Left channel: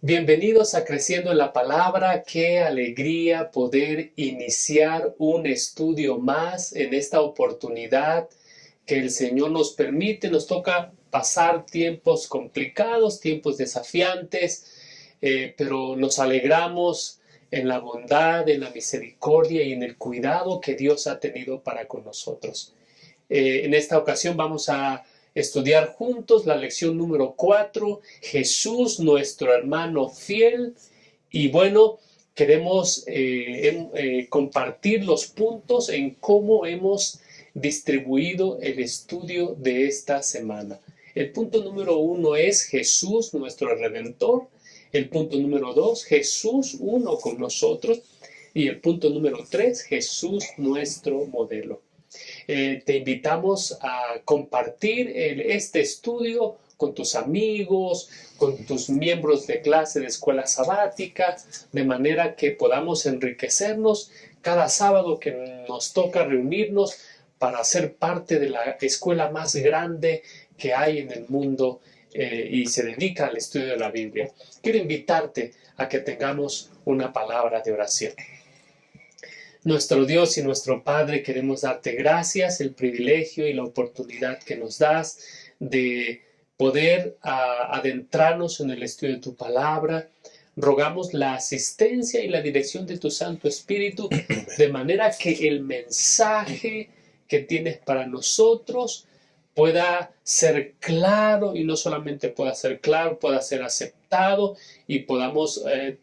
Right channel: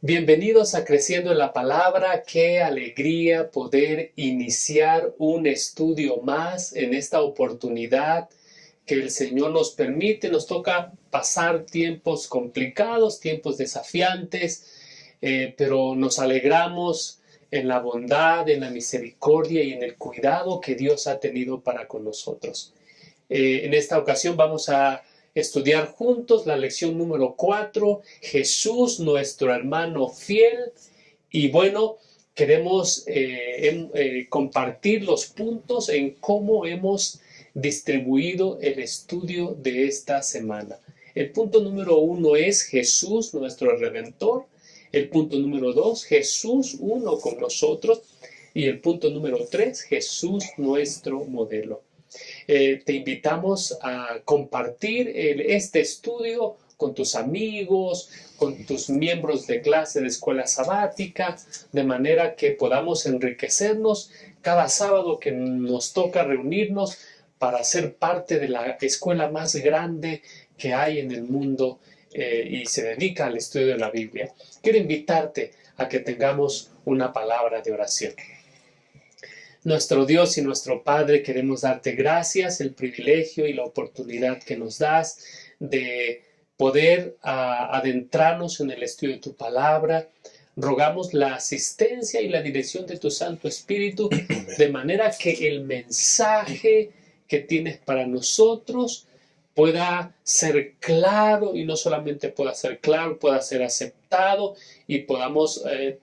Bienvenidos a Creciendo en la Palabra. Qué alegría poder iniciar un estudio más en esta oportunidad que el Señor nos permite. Nos toca pasar tiempos complicados, tiempos desafiantes, pero nos alegramos en la bondad, en la misericordia y en el cuidado que Dios ha tenido para con nosotros. En esta ocasión vamos a estudiar juntos la lección número 4, Jesús, nuestro hermano fiel. Y bueno, queremos compartir los puntos en cómo hemos distribuido el estudio de esta semana. El punto número 1 es Jesús, nuestro Redentor. El punto número 2, Jesús uno con nosotros. Y el punto número 3, Jesús, nuestro modelo. Te invitamos a compartir este estudio con tus amigos, con tus miembros de clase de escuela sabática, de manera que podamos enriquecernos cada sábado que nos toca reunirnos para ser parte de la escuela más grande que hay en el mundo y se dedica al estudio de la Biblia. Quiero invitarte a que tengamos una palabra de oración. Nuestro Dios y nuestro Padre, queremos darte gracias, el privilegio y la oportunidad que nos das de poder adentrarnos en el estudio de tu palabra. Rogamos la asistencia y la dirección de tu Santo Espíritu, de manera que el mensaje que tienes para nosotros pueda ser claro, y no solamente pueda ser claro, pueda ser aceptado y podamos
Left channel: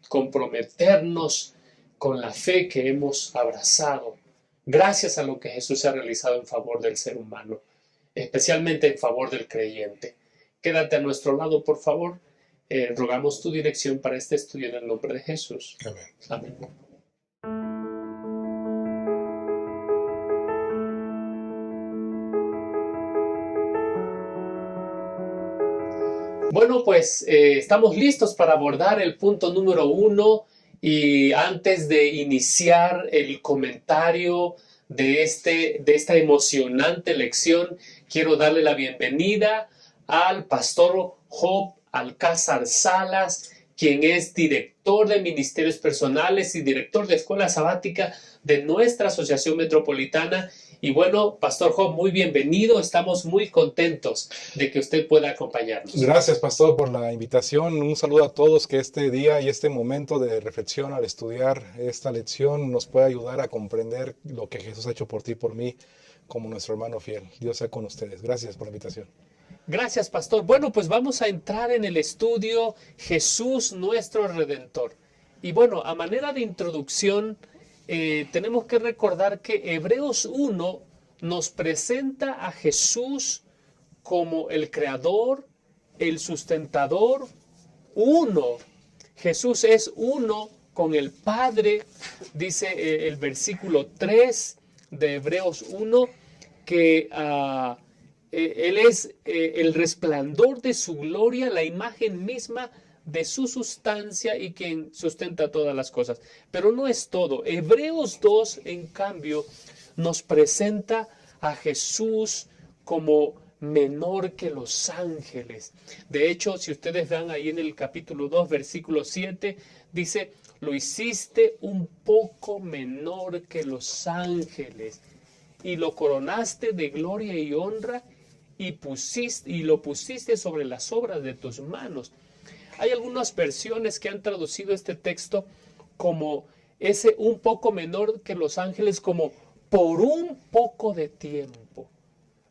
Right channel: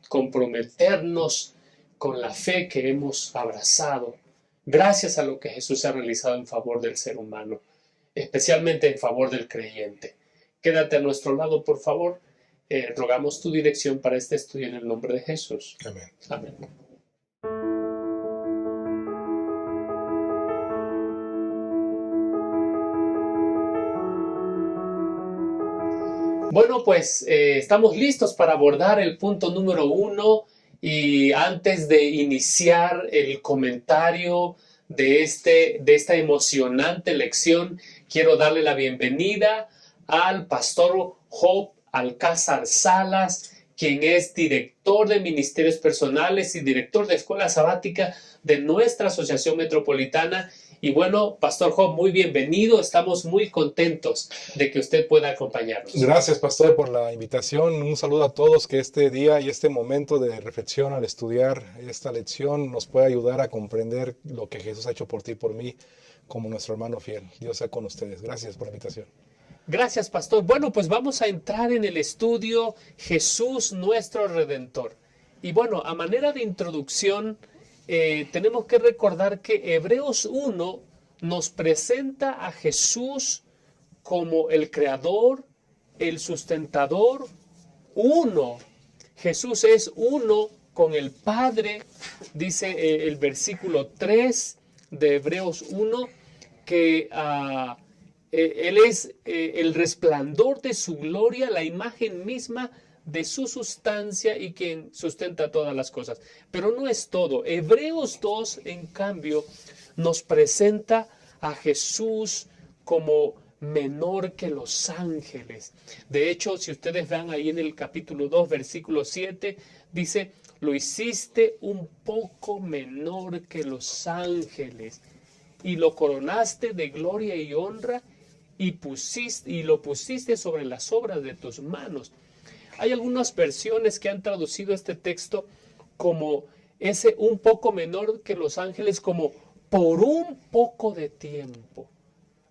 comprometernos con la fe que hemos abrazado, gracias a lo que Jesús ha realizado en favor del ser humano, especialmente en favor del creyente. Quédate a nuestro lado, por favor. Rogamos tu dirección para este estudio en el nombre de Jesús. Amén. Amén. Bueno, pues estamos listos para abordar el punto número 1. Y antes de iniciar el comentario de esta emocionante lección, quiero darle la bienvenida al pastor Job Alcázar Salas, quien es director de Ministerios Personales y director de Escuela Sabática de nuestra Asociación Metropolitana. Y bueno, Pastor Job, muy bienvenido. Estamos muy contentos de que usted pueda acompañarnos. Gracias, Pastor, por la invitación. Un saludo a todos, que este día y este momento de reflexión al estudiar esta lección nos pueda ayudar a comprender lo que Jesús ha hecho por ti y por mí como nuestro hermano fiel. Dios sea con ustedes. Gracias por la invitación. Gracias, Pastor. Bueno, pues vamos a entrar en el estudio Jesús, nuestro Redentor. Y bueno, a manera de introducción, tenemos que recordar que Hebreos 1 nos presenta a Jesús como el creador, el sustentador, uno. Jesús es uno con el Padre, dice el versículo 3 de Hebreos 1, que Él es el resplandor de su gloria, la imagen misma de su sustancia y quien sustenta todas las cosas. Pero no es todo. Hebreos 2, en cambio, nos presenta a Jesús como menor que los ángeles. De hecho, si ustedes van ahí en el capítulo 2, versículo 7, dice, lo hiciste un poco menor que los ángeles y lo coronaste de gloria y honra y lo pusiste sobre las obras de tus manos. Hay algunas versiones que han traducido este texto como ese un poco menor que los ángeles, como por un poco de tiempo.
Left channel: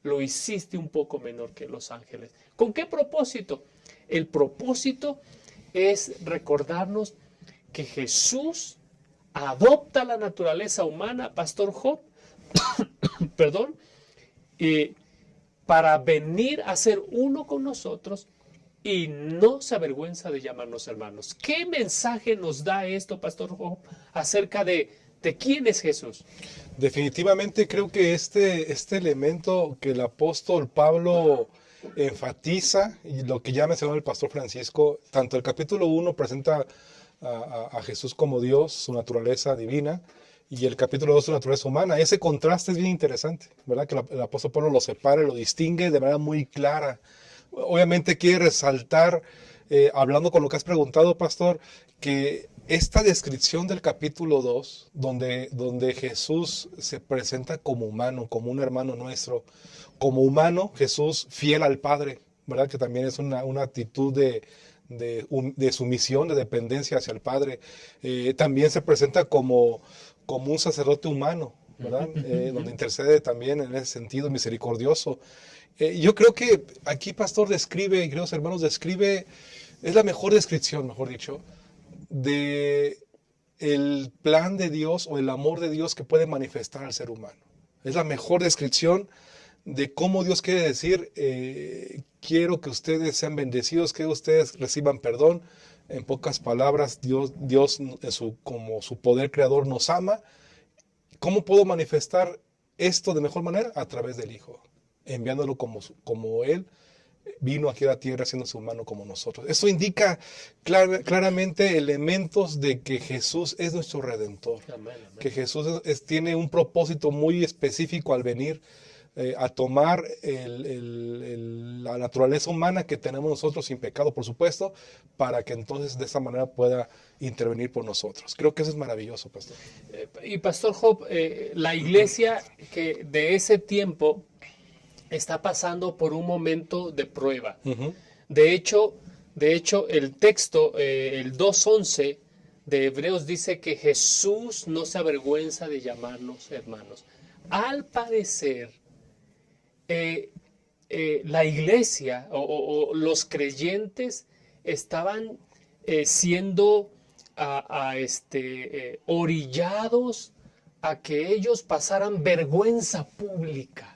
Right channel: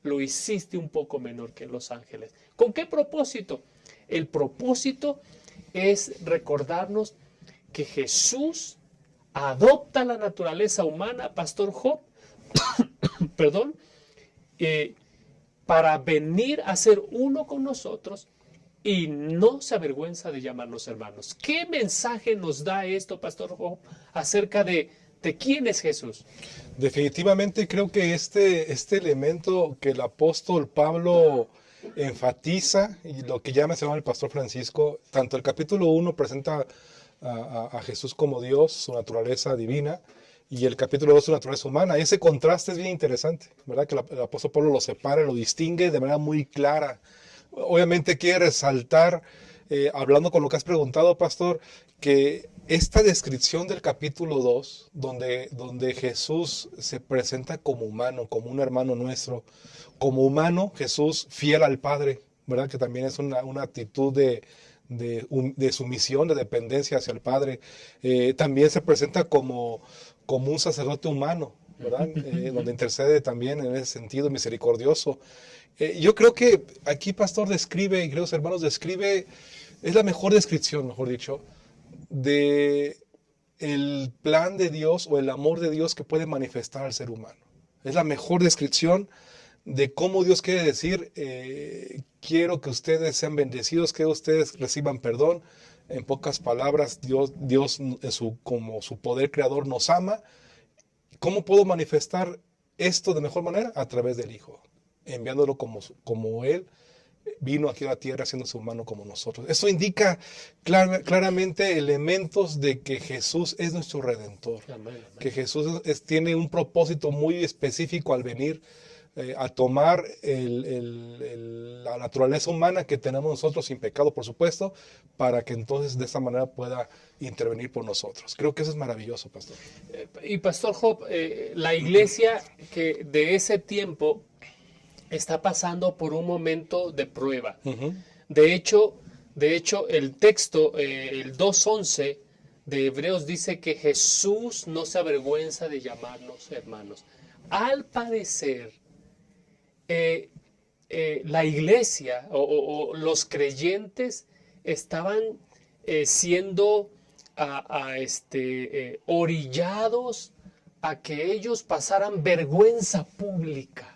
Lo hiciste un poco menor que los ángeles. ¿Con qué propósito? El propósito es recordarnos que Jesús adopta la naturaleza humana, Pastor Job, perdón, para venir a ser uno con nosotros y no se avergüenza de llamarnos hermanos. ¿Qué mensaje nos da esto, Pastor Job, acerca de quién es Jesús? Definitivamente creo que este elemento que el apóstol Pablo enfatiza, y lo que ya mencionó el pastor Francisco, tanto el capítulo 1 presenta a Jesús como Dios, su naturaleza divina, y el capítulo 2 su naturaleza humana. Ese contraste es bien interesante, ¿verdad? Que el apóstol Pablo lo separa, lo distingue de manera muy clara. Obviamente quiere resaltar hablando con lo que has preguntado, pastor, que esta descripción del capítulo 2, donde Jesús se presenta como humano, como un hermano nuestro, como humano, Jesús fiel al Padre, ¿verdad? Que también es una actitud de sumisión, de dependencia hacia el Padre. También se presenta como un sacerdote humano, ¿verdad? Donde intercede también en ese sentido misericordioso. Yo creo que aquí, pastor, describe, queridos hermanos, es la mejor descripción, mejor dicho, de el plan de Dios o el amor de Dios que puede manifestar al ser humano. Es la mejor descripción de cómo Dios quiere decir, quiero que ustedes sean bendecidos, que ustedes reciban perdón. En pocas palabras, Dios como su poder creador nos ama. ¿Cómo puedo manifestar esto de mejor manera? A través del Hijo, enviándolo como Él vino aquí a la tierra haciéndose humano como nosotros. Eso indica claramente elementos de que Jesús es nuestro Redentor. Amén, amén. Que Jesús tiene un propósito muy específico al venir a tomar la naturaleza humana que tenemos nosotros sin pecado, por supuesto, para que entonces de esa manera pueda intervenir por nosotros. Creo que eso es maravilloso, pastor. Y pastor Job, la iglesia que de ese tiempo está pasando por un momento de prueba. Uh-huh. De hecho, el texto, el 2:11 de Hebreos dice que Jesús no se avergüenza de llamarnos hermanos. Al parecer, la iglesia o los creyentes estaban siendo orillados a que ellos pasaran vergüenza pública.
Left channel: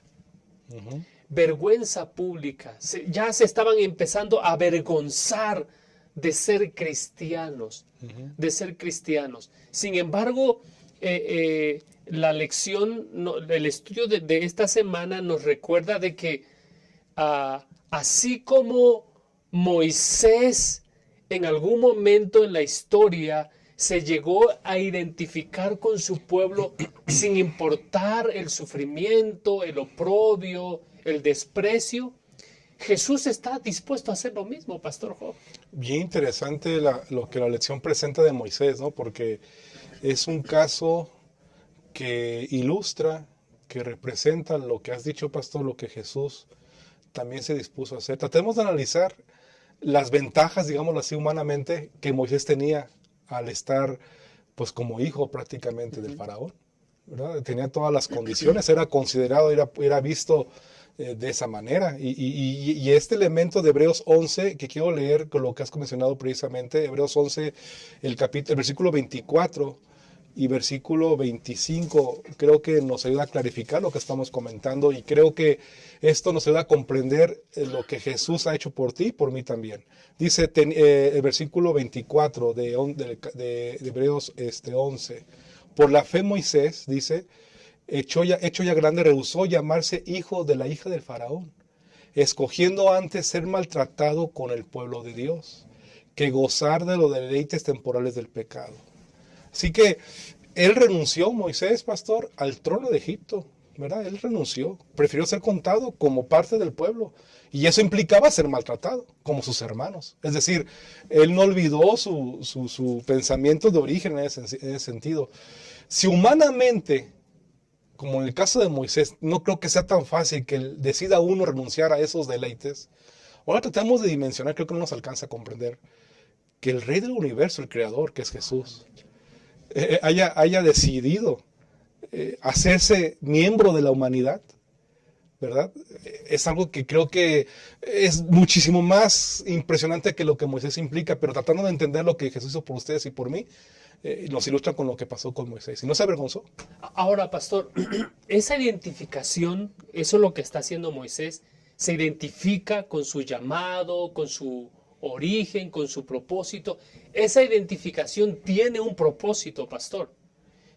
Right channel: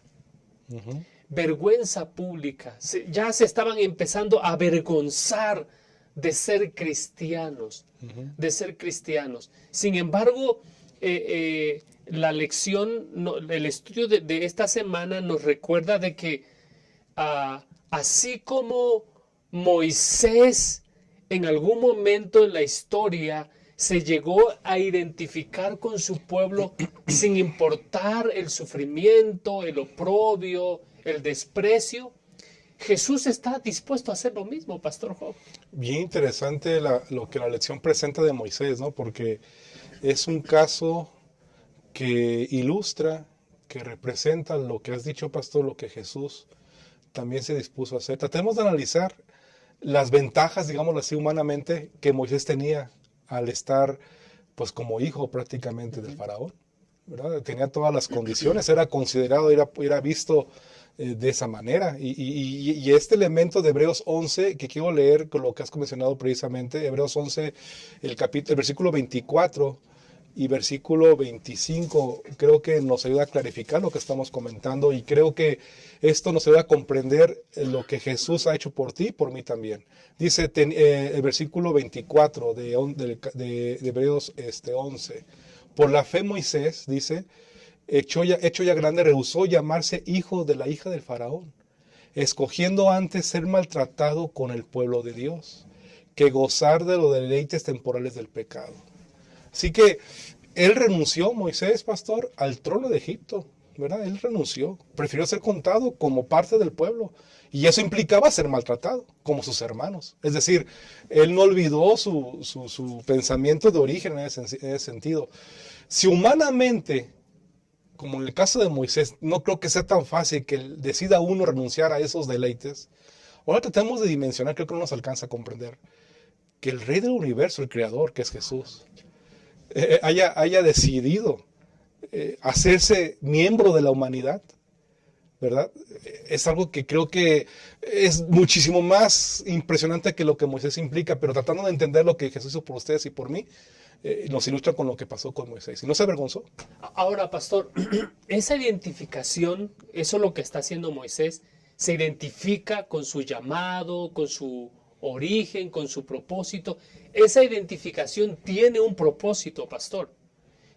Uh-huh. Vergüenza pública. Ya se estaban empezando a avergonzar de ser cristianos. Uh-huh. De ser cristianos. Sin embargo, la lección, el estudio de esta semana nos recuerda de que así como Moisés en algún momento en la historia se llegó a identificar con su pueblo sin importar el sufrimiento, el oprobio, el desprecio, Jesús está dispuesto a hacer lo mismo, Pastor Job. Bien interesante lo que la lección presenta de Moisés, ¿no? Porque es un caso que ilustra, que representa lo que has dicho, pastor, lo que Jesús también se dispuso a hacer. Tratemos de analizar las ventajas, digámoslo así, humanamente, que Moisés tenía al estar, pues, como hijo prácticamente del faraón, ¿verdad? Tenía todas las condiciones, era considerado, era visto de esa manera. Y este elemento de Hebreos 11, que quiero leer con lo que has mencionado precisamente, Hebreos 11, el versículo 24 y versículo 25, creo que nos ayuda a clarificar lo que estamos comentando, y creo que esto nos ayuda a comprender lo que Jesús ha hecho por ti y por mí también. Dice el versículo 24 de Hebreos 11, por la fe Moisés, dice, hecho ya grande, rehusó llamarse hijo de la hija del faraón, escogiendo antes ser maltratado con el pueblo de Dios, que gozar de los deleites temporales del pecado. Así que él renunció, Moisés, pastor, al trono de Egipto, ¿verdad? Él renunció, prefirió ser contado como parte del pueblo, y eso implicaba ser maltratado, como sus hermanos. Es decir, él no olvidó su pensamiento de origen en ese sentido. Si humanamente, como en el caso de Moisés, no creo que sea tan fácil que decida uno renunciar a esos deleites, ahora tratamos de dimensionar, creo que no nos alcanza a comprender, que el Rey del Universo, el Creador, que es Jesús, haya decidido hacerse miembro de la humanidad, ¿verdad? Es algo que creo que es muchísimo más impresionante que lo que Moisés implica, pero tratando de entender lo que Jesús hizo por ustedes y por mí, nos ilustra con lo que pasó con Moisés. ¿Y no se avergonzó? Ahora, pastor, esa identificación, eso es lo que está haciendo Moisés, se identifica con su llamado, con su origen, con su propósito. Esa identificación tiene un propósito, pastor.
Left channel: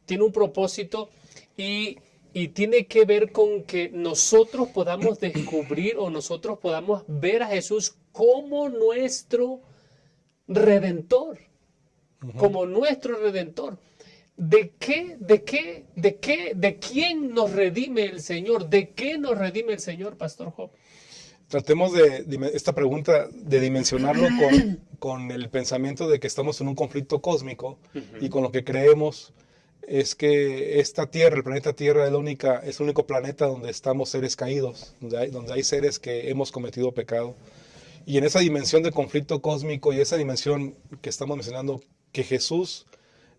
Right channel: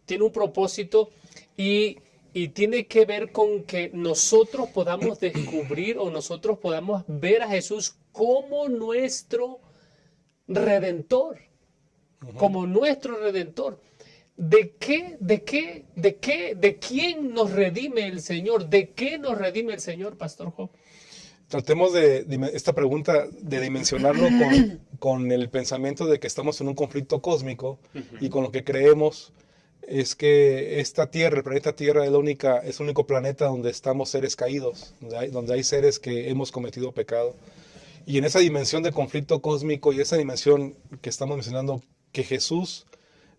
Tiene un propósito y tiene que ver con que nosotros podamos descubrir o nosotros podamos ver a Jesús como nuestro Redentor. Como nuestro Redentor. ¿De quién nos redime el Señor? ¿De qué nos redime el Señor, Pastor Job? Tratemos de esta pregunta de dimensionarlo con el pensamiento de que estamos en un conflicto cósmico y con lo que creemos es que esta Tierra, el planeta Tierra, es el único planeta donde estamos seres caídos, donde hay seres que hemos cometido pecado. Y en esa dimensión de conflicto cósmico y esa dimensión que estamos mencionando, que Jesús,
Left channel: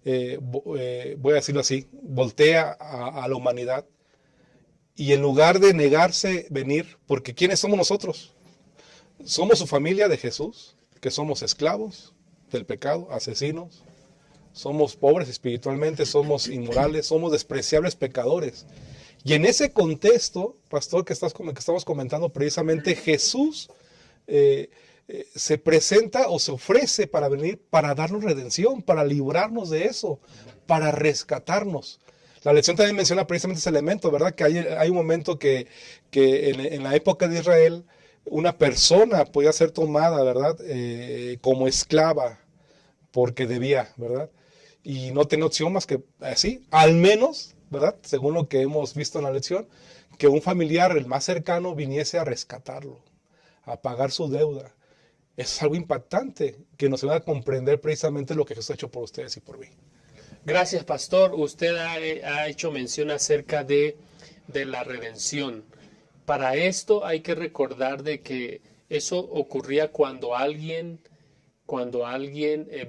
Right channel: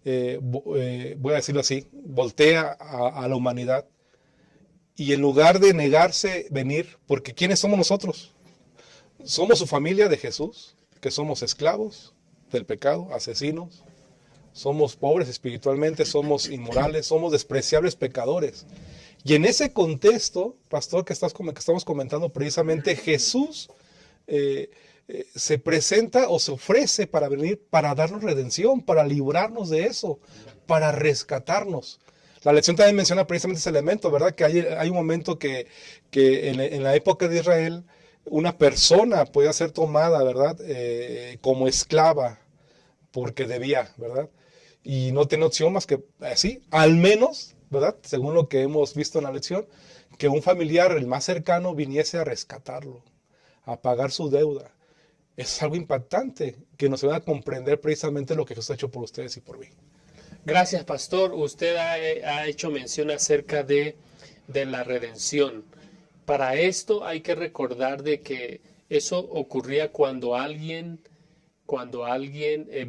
voy a decirlo así, voltea a la humanidad y en lugar de negarse venir, porque ¿quiénes somos nosotros? Somos su familia de Jesús, que somos esclavos del pecado, asesinos, somos pobres espiritualmente, somos inmorales, somos despreciables pecadores. Y en ese contexto, pastor, que estamos comentando precisamente, Jesús se presenta o se ofrece para venir, para darnos redención, para librarnos de eso, para rescatarnos. La lección también menciona precisamente ese elemento, ¿verdad? Que hay un momento que en la época de Israel, una persona podía ser tomada, ¿verdad? Como esclava, porque debía, ¿verdad? Y no tenía opción más que así, al menos, ¿verdad? Según lo que hemos visto en la lección, que un familiar, el más cercano, viniese a rescatarlo, a pagar su deuda. Es algo impactante, que nos ayuda a comprender precisamente lo que Jesús ha hecho por ustedes y por mí. Gracias, pastor. Usted ha hecho mención acerca de la redención. Para esto hay que recordar de que eso ocurría cuando alguien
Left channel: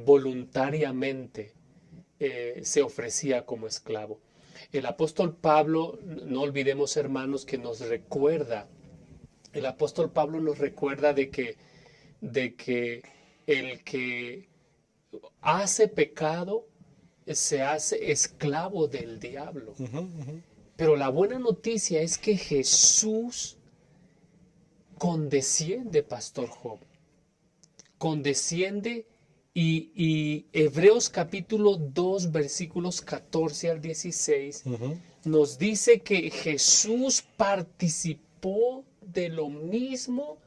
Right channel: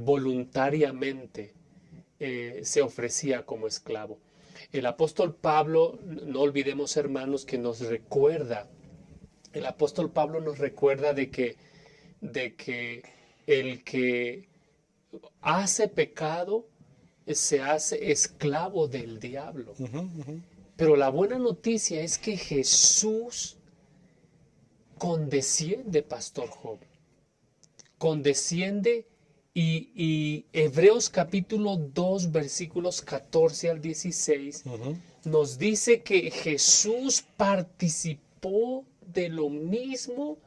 voluntariamente se ofrecía como esclavo. El apóstol Pablo, no olvidemos, hermanos, que nos recuerda, el apóstol Pablo nos recuerda de que el que hace pecado se hace esclavo del diablo. Pero la buena noticia es que Jesús condesciende, Pastor Job. Condesciende y Hebreos capítulo 2, versículos 14 al 16, nos dice que Jesús participó de lo mismo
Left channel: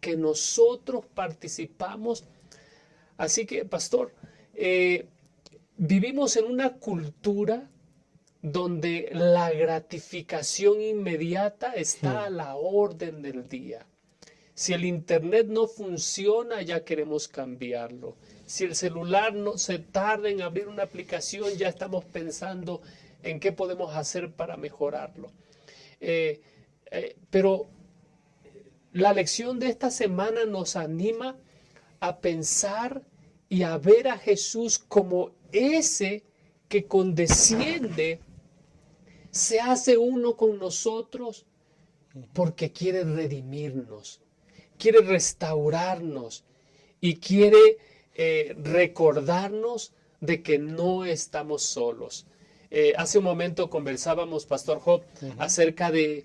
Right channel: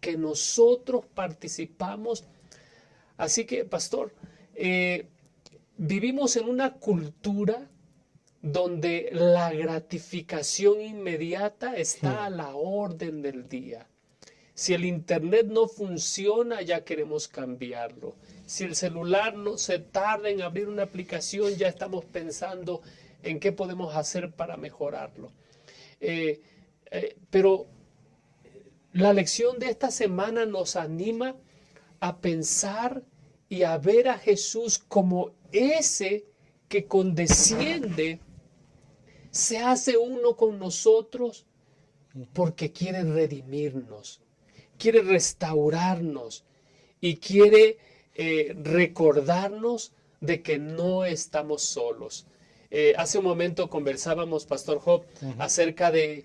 que nosotros participamos. Así que, pastor, vivimos en una cultura donde la gratificación inmediata está a la orden del día. Si el internet no funciona, ya queremos cambiarlo. Si el celular no se tarda en abrir una aplicación, ya estamos pensando en qué podemos hacer para mejorarlo. Pero la lección de esta semana nos anima a pensar y a ver a Jesús como ese que condesciende, se hace uno con nosotros porque quiere redimirnos, quiere restaurarnos y quiere recordarnos de que no estamos solos. Hace un momento conversábamos, Pastor Job, acerca de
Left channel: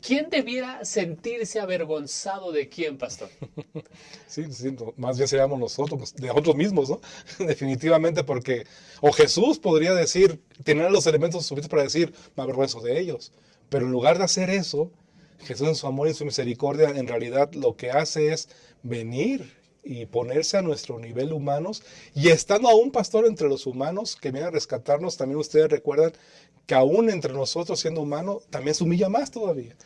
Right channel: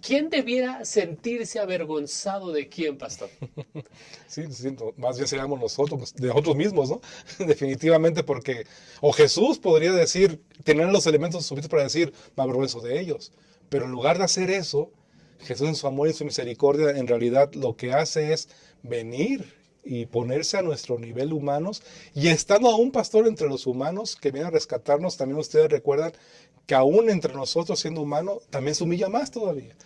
quién debiera sentirse avergonzado de quién, Pastor. Sí, más bien seríamos nosotros, de nosotros mismos, ¿no? Definitivamente, porque, o Jesús podría decir, tener los elementos suficientes para decir, me avergüenzo de ellos. Pero en lugar de hacer eso, Jesús en su amor y en su misericordia, en realidad lo que hace es venir y ponerse a nuestro nivel humanos, y estando aún, pastor, entre los humanos que vienen a rescatarnos, también ustedes recuerdan que aún entre nosotros siendo humano, también se humilla más todavía.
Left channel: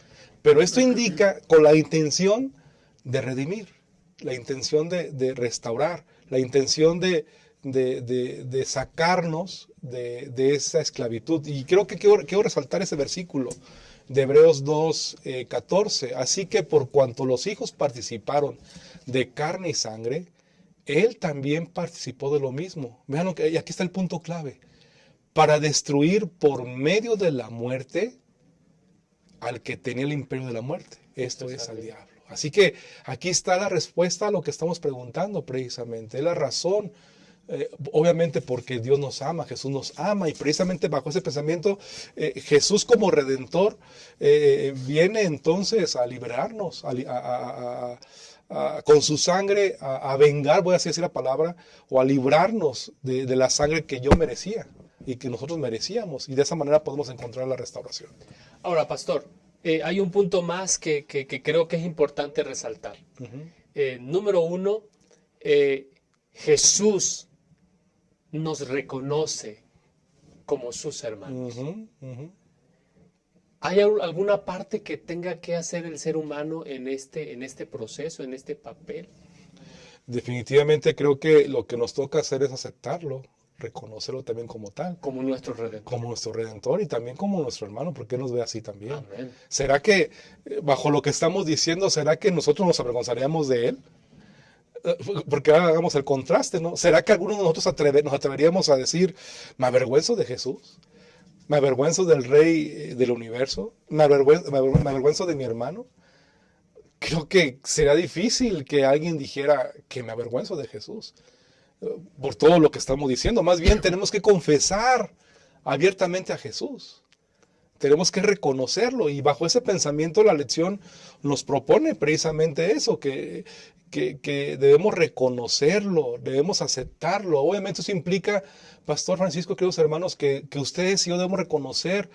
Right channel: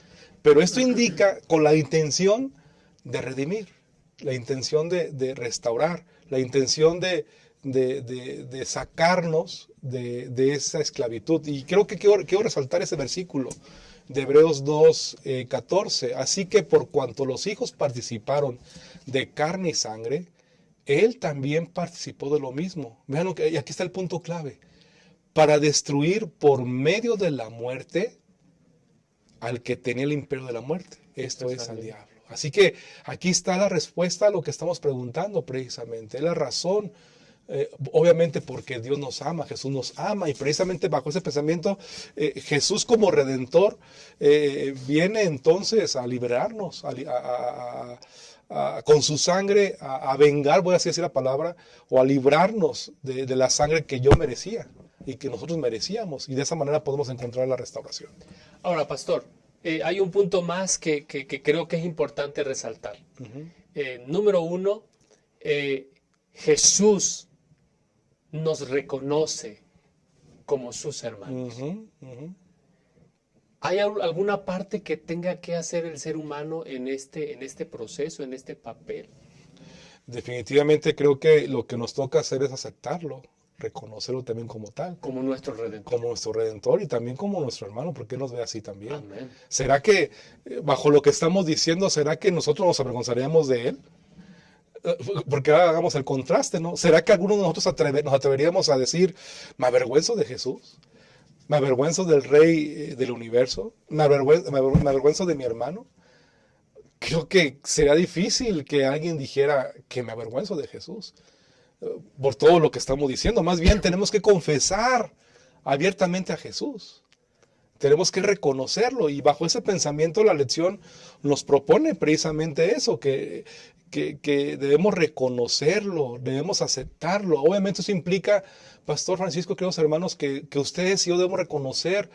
Pero esto indica con la intención de redimir, la intención de restaurar, la intención de sacarnos de esa esclavitud. Y creo que quiero resaltar ese versículo de Hebreos 2, 14. Así que por cuanto los hijos participaron de carne y sangre, él también participó de lo mismo. Vean, y aquí está el punto clave. Para destruir por medio de la muerte al que tenía el imperio de la muerte. Esto es al diablo. Así que aquí está la respuesta a lo que estamos preguntando precisamente. Es la razón, obviamente porque Dios nos ama, Jesús nos ama, y precisamente bajo ese pensamiento, Jesús como Redentor viene entonces a liberarnos, con su sangre, a vengar, voy a decir la palabra, o a librarnos de la sangre que yo merecía y que nosotros merecíamos, y de esa manera podemos encontrar la restauración. Ahora, pastor, hay un punto más que creo que es importante resaltar. Número uno, Jesús nos reconoce como sus hermanos. ¿Hay alguna parte que tenga que hacer el ser humano en este proceso, en este papel? Definitivamente creo que lo que nos toca hacer es aceptarlo, reconocerlo también como tal, Como nuestro Redentor. como nuestro Redentor y también como nuestro hermano, porque Él nos ve así también. Amén. ¿Será que, bajo lo que estamos diciendo, será que nosotros nos avergonzaríamos de Él? Porque ahora hagamos el contraste, ¿no? ¿Será que algunos de nosotros nos atreveríamos a decir, me avergüenzo de Jesús? ¿Me avergüenzo del Rey del universo? ¿Me avergüenzo de mi hermano? Creo que sería difícil que alguien dijera que me avergüenzo de Jesús por todo lo que estamos diciendo. Más bien tenemos que confesar abiertamente a Jesús. Tenemos que reconocerlo y bajo ese pensamiento la lección nos propone precisamente eso, que debemos reconocerlo, debemos aceptarlo. Obviamente eso implica, Pastor Francisco, queridos hermanos, que ustedes y yo debemos reconocer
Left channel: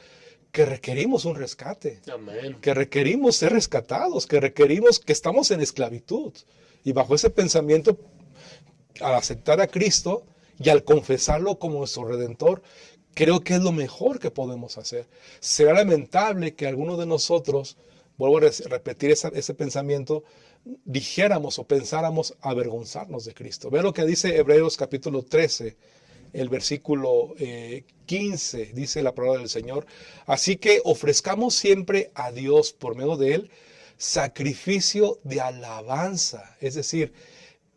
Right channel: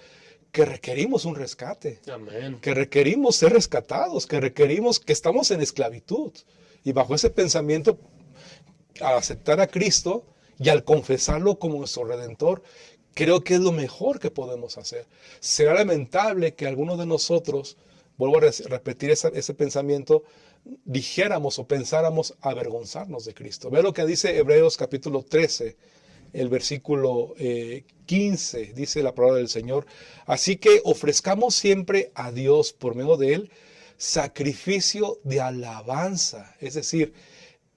que requerimos un rescate, Amén. que requerimos ser rescatados, que requerimos que estamos en esclavitud. Y bajo ese pensamiento, al aceptar a Cristo y al confesarlo como nuestro Redentor, creo que es lo mejor que podemos hacer. Será lamentable que algunos de nosotros, vuelvo a repetir ese pensamiento, dijéramos o pensáramos avergonzarnos de Cristo. Ve lo que dice Hebreos capítulo 13, el versículo 15, dice la palabra del Señor. Así que ofrezcamos siempre a Dios, por medio de Él, sacrificio de alabanza, es decir,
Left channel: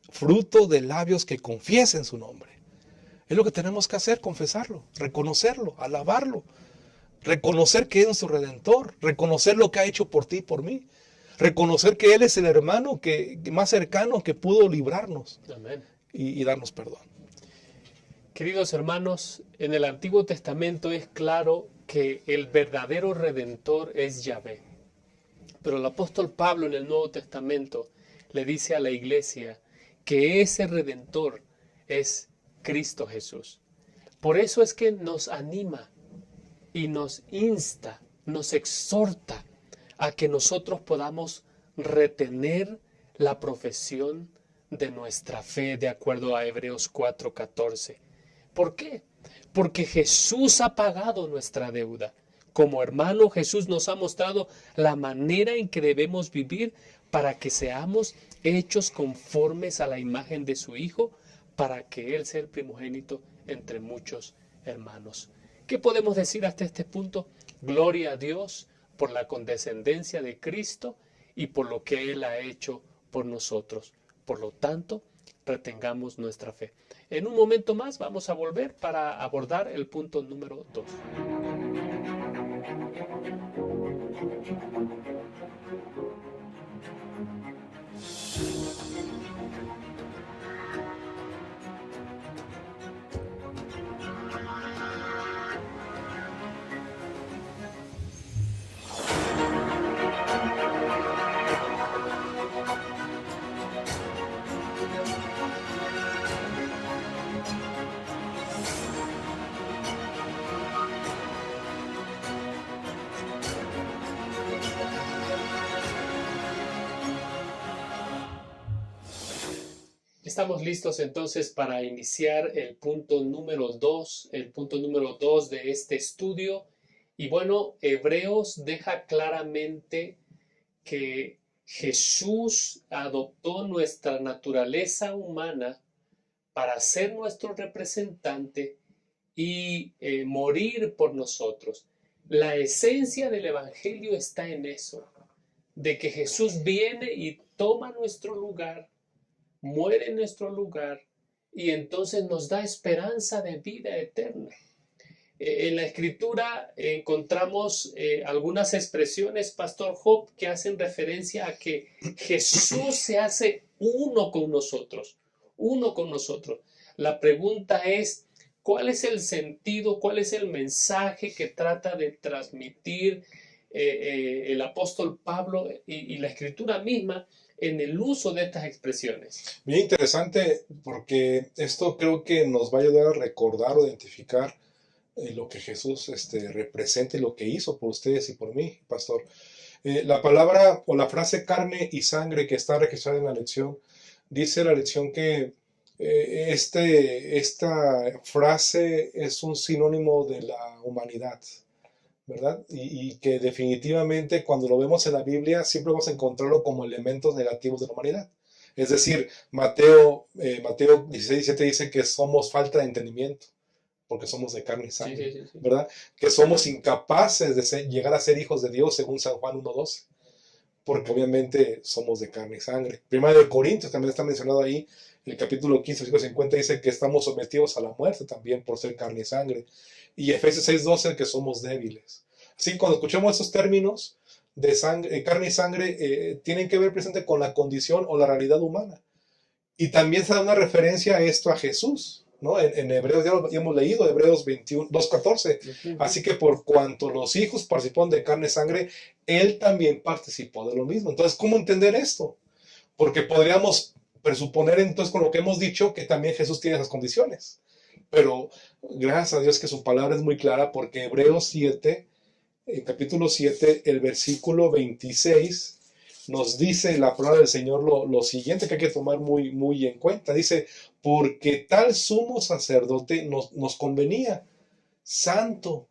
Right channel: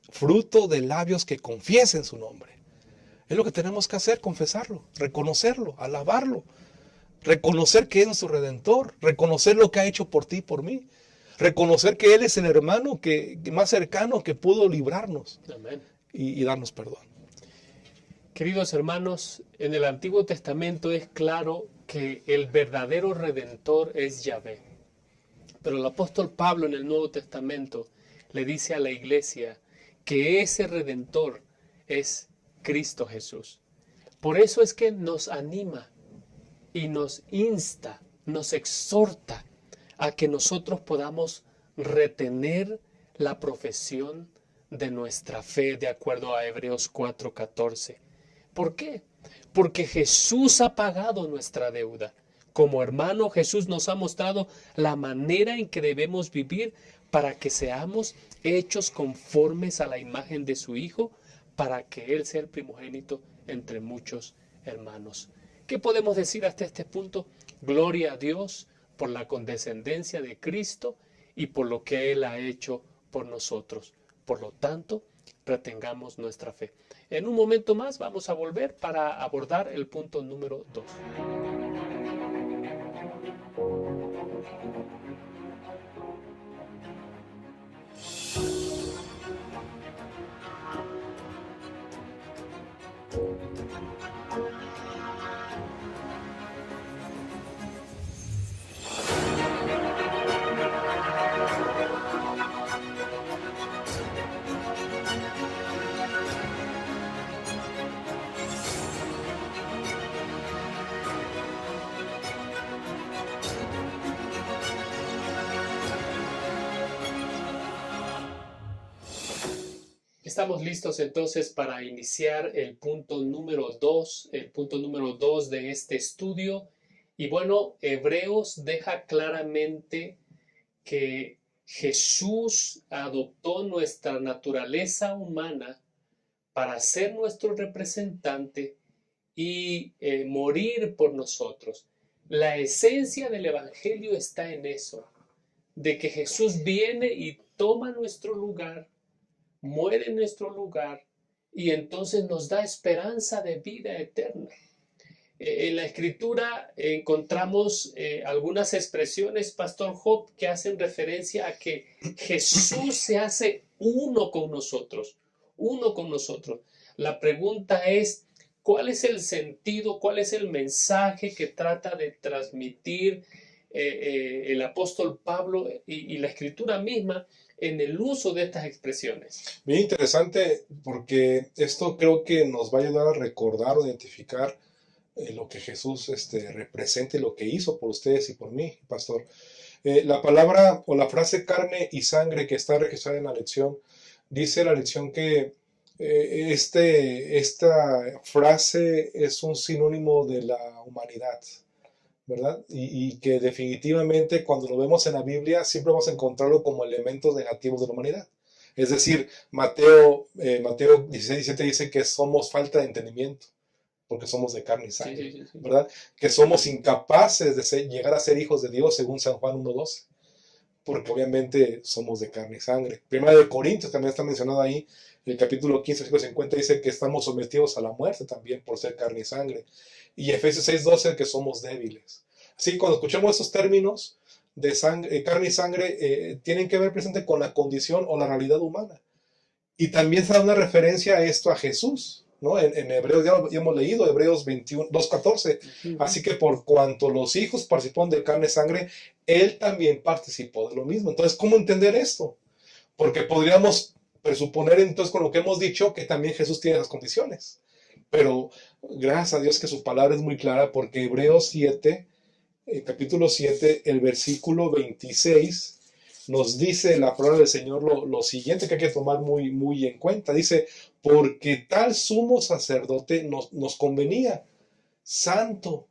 fruto de labios que confiesen su nombre. Es lo que tenemos que hacer, confesarlo, reconocerlo, alabarlo, reconocer que es nuestro Redentor, reconocer lo que ha hecho por ti y por mí, reconocer que Él es el hermano más cercano que pudo librarnos. Amén. Y darnos perdón. Queridos hermanos, en el Antiguo Testamento es claro que el verdadero Redentor es Yahvé. Pero el apóstol Pablo en el Nuevo Testamento le dice a la iglesia que ese Redentor es Cristo Jesús. Por eso es que nos anima y nos insta, nos exhorta a que nosotros podamos retener la profesión de nuestra fe de acuerdo a Hebreos 4:14. ¿Por qué? Porque Jesús ha pagado nuestra deuda. Como hermano, Jesús nos ha mostrado la manera en que debemos vivir para que seamos hechos conformes a la imagen de su Hijo, para que Él sea el primogénito entre muchos hermanos. ¿Qué podemos decir hasta este punto? Gloria a Dios por la condescendencia de Cristo y por lo que Él ha hecho por nosotros. Por lo tanto, retengamos nuestra fe. En un momento más vamos a volver para abordar el punto número 2. Estamos listos entonces para iniciar el punto número 2, de este estudio. Y bueno, Hebreos deja claramente que Jesús adoptó nuestra naturaleza humana para ser nuestro representante y morir por nosotros. La esencia del Evangelio está en eso, de que Jesús viene y toma nuestro lugar, muere en nuestro lugar y entonces nos da esperanza de vida eterna. En la escritura encontramos algunas expresiones, Pastor Job, que hacen referencia a que Jesús se hace uno con nosotros, uno con nosotros. La pregunta es, ¿cuál es el sentido, cuál es el mensaje que trata de transmitir el apóstol Pablo y la escritura misma en el uso de estas expresiones? Bien interesante, porque esto creo que nos va a ayudar a recordar o identificar lo que Jesús representa y lo que hizo por ustedes y por mí, pastor. La palabra o la frase carne y sangre que está registrada en la lección, dice la lección que esta frase es un sinónimo de la humanidad, ¿verdad? Y que definitivamente cuando lo vemos en la Biblia siempre vamos a encontrarlo como elementos negativos de la humanidad. Es decir, Mateo 16, 17 dice que somos falta de entendimiento, porque somos de carne y Sí, sangre, sí, sí, sí. ¿verdad? Que somos incapaces de llegar a ser hijos de Dios, según San Juan 1:12, porque obviamente somos de carne y sangre. Primera de Corintios también está mencionado ahí, en el capítulo 15, versículo 50, dice que estamos sometidos a la muerte también por ser carne y sangre. Y Efesios 6:12, que somos débiles. Así que cuando escuchamos esos términos de sangre, carne y sangre, tienen que ver presente con la condición o la realidad humana. Y también se da una referencia a esto a Jesús, ¿no? En Hebreos, ya hemos leído, Hebreos 21, 2:14. Así que por cuanto los hijos participaron de carne y sangre, él también participó de lo mismo. Entonces, ¿cómo entender esto? Porque podríamos presuponer entonces con lo que hemos dicho que también Jesús tiene esas condiciones. Pero gracias a Dios que su palabra es muy clara, porque Hebreos 7, capítulo 7, el versículo 26, nos dice la palabra del Señor lo siguiente que hay que tomar muy, muy en cuenta. Dice, porque tal sumo sacerdote nos convenía, santo,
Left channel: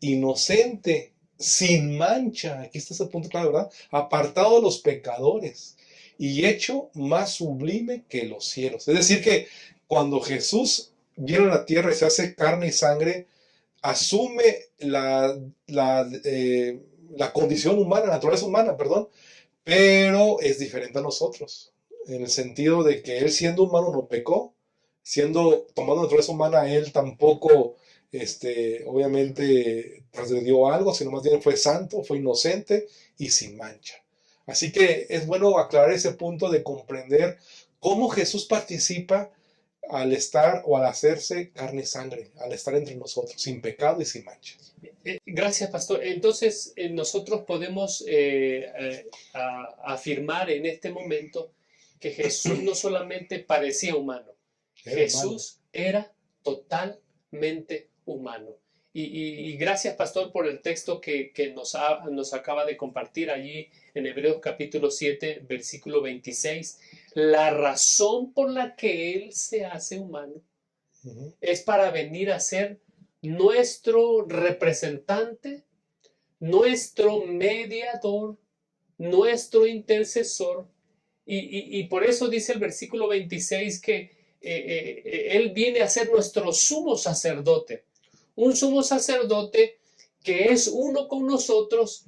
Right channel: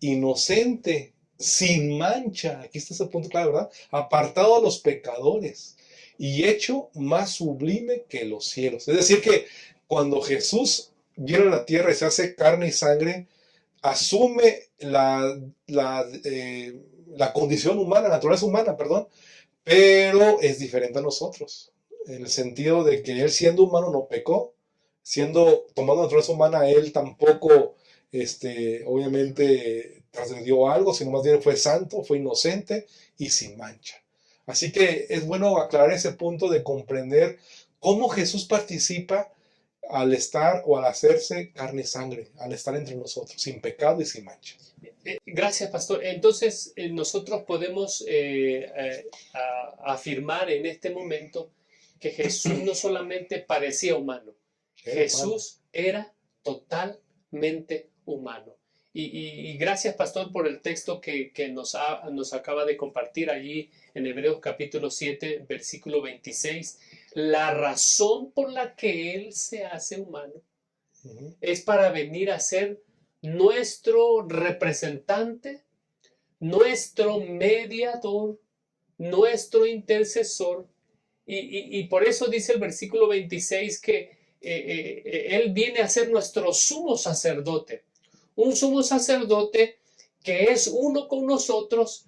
inocente, sin mancha, aquí está ese punto claro, ¿verdad? Apartado de los pecadores y hecho más sublime que los cielos. Es decir, que cuando Jesús viene a la tierra y se hace carne y sangre, asume la condición humana, la naturaleza humana, perdón, pero es diferente a nosotros, en el sentido de que él siendo humano no pecó, siendo tomando naturaleza humana, él tampoco, obviamente, transgredió algo, sino más bien fue santo, fue inocente y sin mancha. Así que es bueno aclarar ese punto de comprender cómo Jesús participa al estar o al hacerse carne y sangre, al estar entre nosotros, sin pecado y sin mancha. Gracias, pastor. Entonces, nosotros podemos afirmar en este momento que Jesús no solamente parecía humano, Era humano. Jesús era totalmente humano. Y gracias, pastor, por el texto que nos acaba de compartir allí en Hebreos capítulo 7, versículo 26. La razón por la que Él se hace humano es para venir a ser nuestro representante, nuestro mediador, nuestro intercesor. Y por eso dice el versículo 26 que Él viene a ser nuestro sumo sacerdote. Un sumo sacerdote que es uno con nosotros,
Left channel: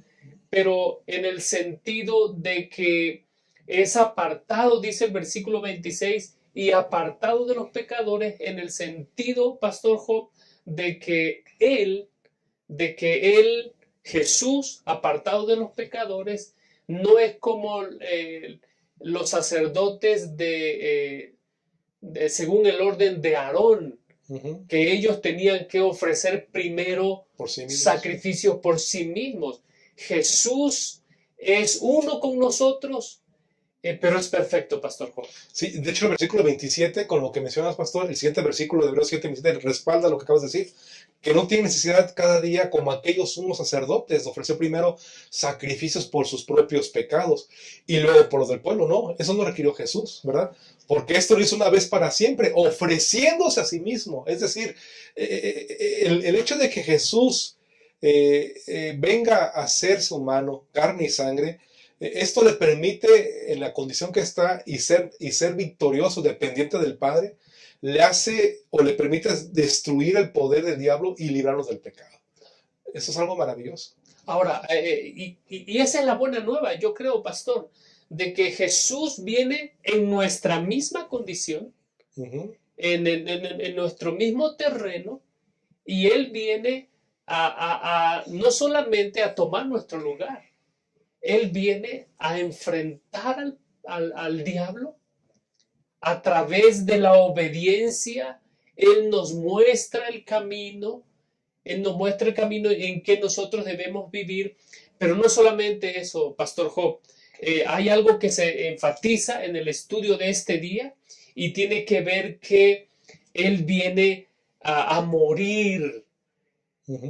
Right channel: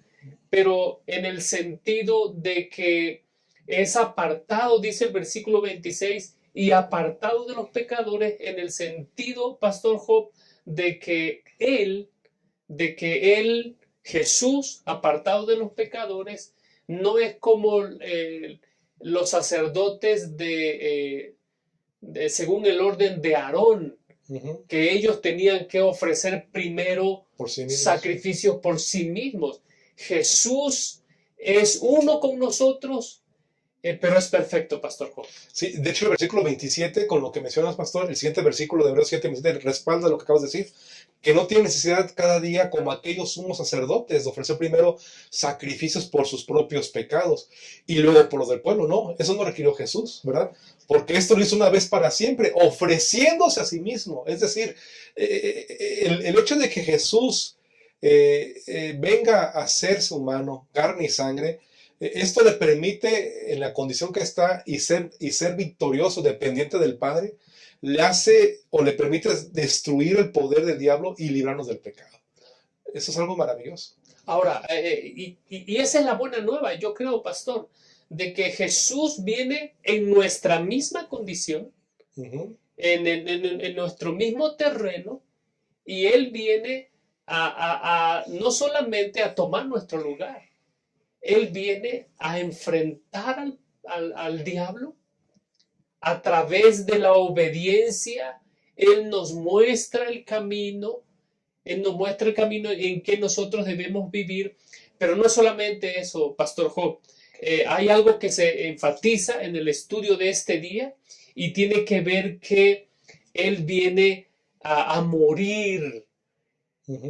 pero en el sentido de que es apartado, dice el versículo 26, y apartado de los pecadores en el sentido, Pastor Job, de que él, Jesús, apartado de los pecadores, no es como los sacerdotes según el orden de Aarón, que ellos tenían que ofrecer primero por sí mismos. Sacrificios por sí mismos. Jesús es uno con nosotros, pero es perfecto, Pastor Job. Sí, de hecho el versículo 27, con lo que mencionas, pastor, el siguiente versículo de Hebreos 7, 27, respalda lo que acabas de decir, que no tiene necesidad cada día, como aquellos sumos sacerdotes, de ofrecer primero sacrificios por sus propios pecados y luego por los del pueblo. No, eso no requirió Jesús, ¿verdad? Porque esto lo hizo una vez para siempre, ofreciéndose a sí mismo. Es decir, el hecho de que Jesús venga a hacerse humano, carne y sangre, esto le permite, en la condición que está, y ser victorioso, dependiente del Padre, le hace o le permite destruir el poder del diablo y librarnos del pecado. Eso es algo maravilloso. Ahora, y esa es la buena nueva, yo creo, pastor, de que Jesús viene en nuestra misma condición, en nuestro mismo terreno, y Él viene no solamente a tomar nuestro lugar, Él viene a enfrentar al diablo a través de la obediencia. Él nos muestra el camino, Él nos muestra el camino en que nosotros debemos vivir, pero no solamente eso, Pastor Job. Hay algo que se enfatiza en el estudio de este día y tiene que ver que Él viene a morir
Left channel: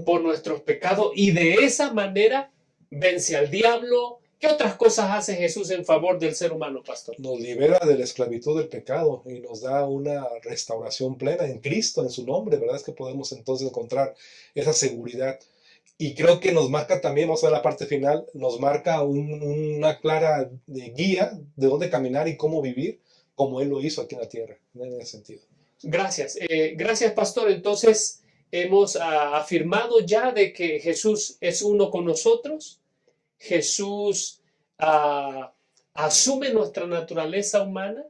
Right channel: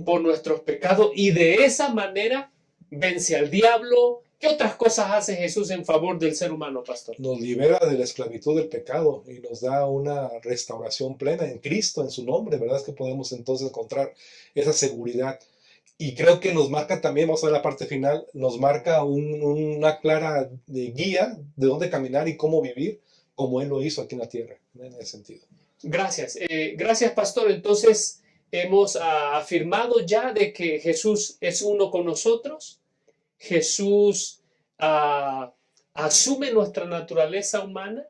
por nuestros pecados y de esa manera vence al diablo. ¿Qué otras cosas hace Jesús en favor del ser humano, pastor? Nos libera de la esclavitud del pecado y nos da una restauración plena en Cristo, en su nombre, ¿verdad? Es que podemos entonces encontrar esa seguridad. Y creo que nos marca también, vamos a ver la parte final, nos marca una clara guía de dónde caminar y cómo vivir, como Él lo hizo aquí en la tierra, en ese sentido. Gracias. Gracias, pastor. Entonces, hemos afirmado ya de que Jesús es uno con nosotros. Jesús asume nuestra naturaleza humana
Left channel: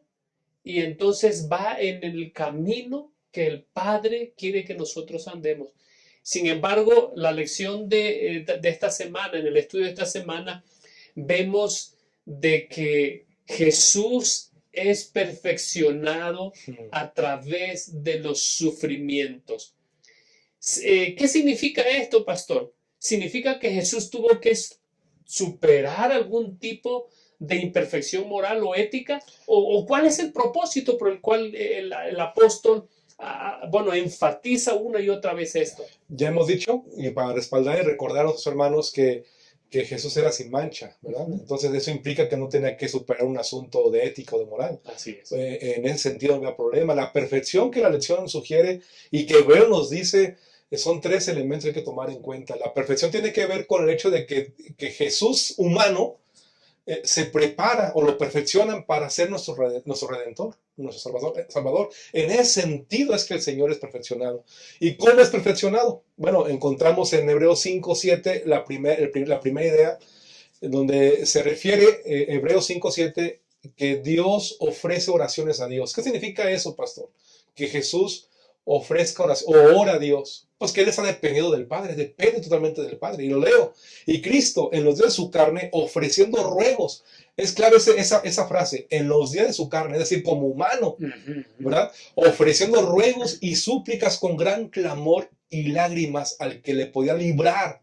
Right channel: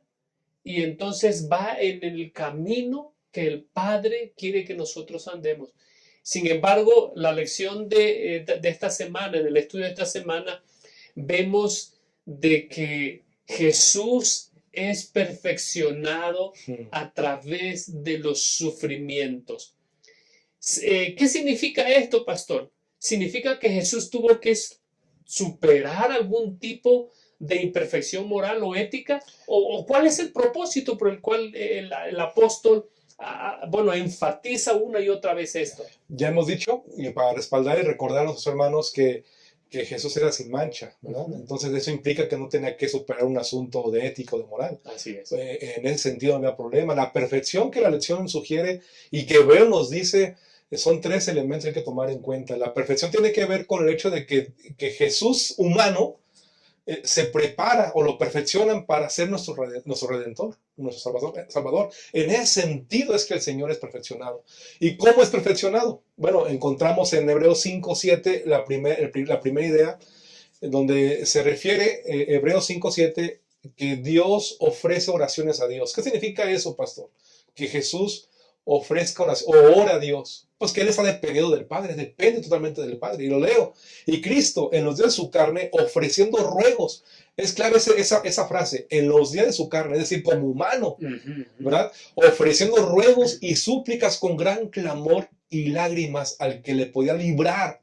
y entonces va en el camino que el Padre quiere que nosotros andemos. Sin embargo, la lección de esta semana, en el estudio de esta semana, vemos de que Jesús es perfeccionado a través de los sufrimientos. ¿Qué significa esto, pastor? ¿Significa que Jesús tuvo que superar algún tipo de imperfección moral o ética? ¿O cuál es el propósito por el cual el apóstol enfatiza una y otra vez esto? Ya hemos dicho, y para respaldar y recordar a nuestros hermanos que Jesús era sin mancha, ¿verdad? Entonces eso implica que no tenía que superar un asunto de ética o de moral. Así es. En ese sentido no había problema. La perfección que la lección sugiere y que Hebreo nos dice, son tres elementos que hay que tomar en cuenta. La perfección tiene que ver con el hecho de que Jesús humano se prepara o lo perfeccionan para ser nuestro Redentor, nuestro Salvador. En ese sentido es que el Señor es perfeccionado. ¿Y cómo es perfeccionado? Bueno, encontramos en Hebreos 5:7 la primera idea, donde se refiere Hebreos 5:7 que Dios ofrece oraciones a Dios. ¿Qué significa eso, pastor? Que Jesús ofrezca oración o ora a Dios. Pues que Él está dependiendo del Padre, depende totalmente del Padre. Y lo leo. Y Cristo, en los días de su carne, ofreciendo ruegos. Es clave esa frase, en los días de su carne, es decir, como humano, ¿verdad? Ofreciendo ruegos y súplicas con gran clamor y lágrimas al que le podía librar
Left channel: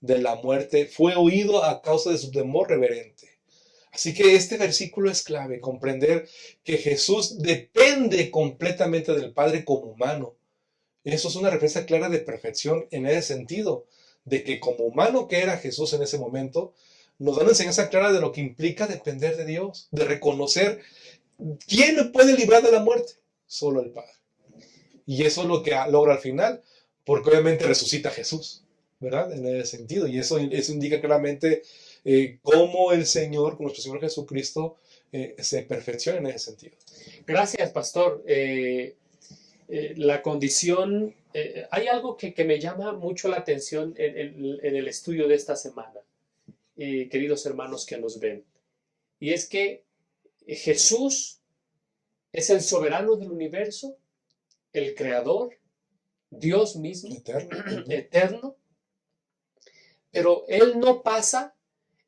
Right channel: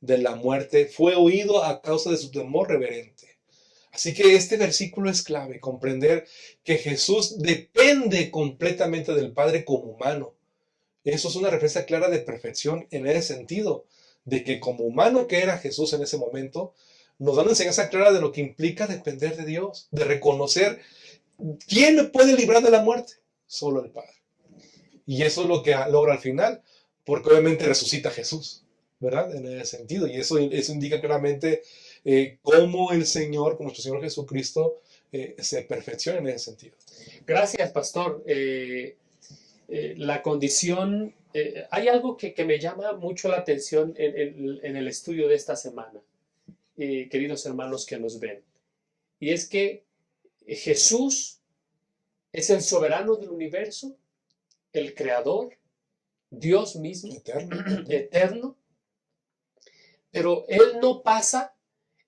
de la muerte, fue oído a causa de su temor reverente. Así que este versículo es clave, comprender que Jesús depende completamente del Padre como humano. Eso es una referencia clara de perfección en ese sentido, de que como humano que era Jesús en ese momento, nos da una enseñanza clara de lo que implica depender de Dios, de reconocer quién me puede librar de la muerte, solo el Padre. Y eso es lo que logra al final, porque obviamente resucita a Jesús, ¿verdad? En ese sentido, y eso indica claramente cómo el Señor, con nuestro Señor Jesucristo, se perfecciona en ese sentido. Gracias, pastor. La condición, hay algo que me llama mucho la atención en el estudio de esta semana, queridos hermanos que nos ven, y es que Jesús es el soberano del universo, el creador, Dios mismo, eterno, pero Él no pasa,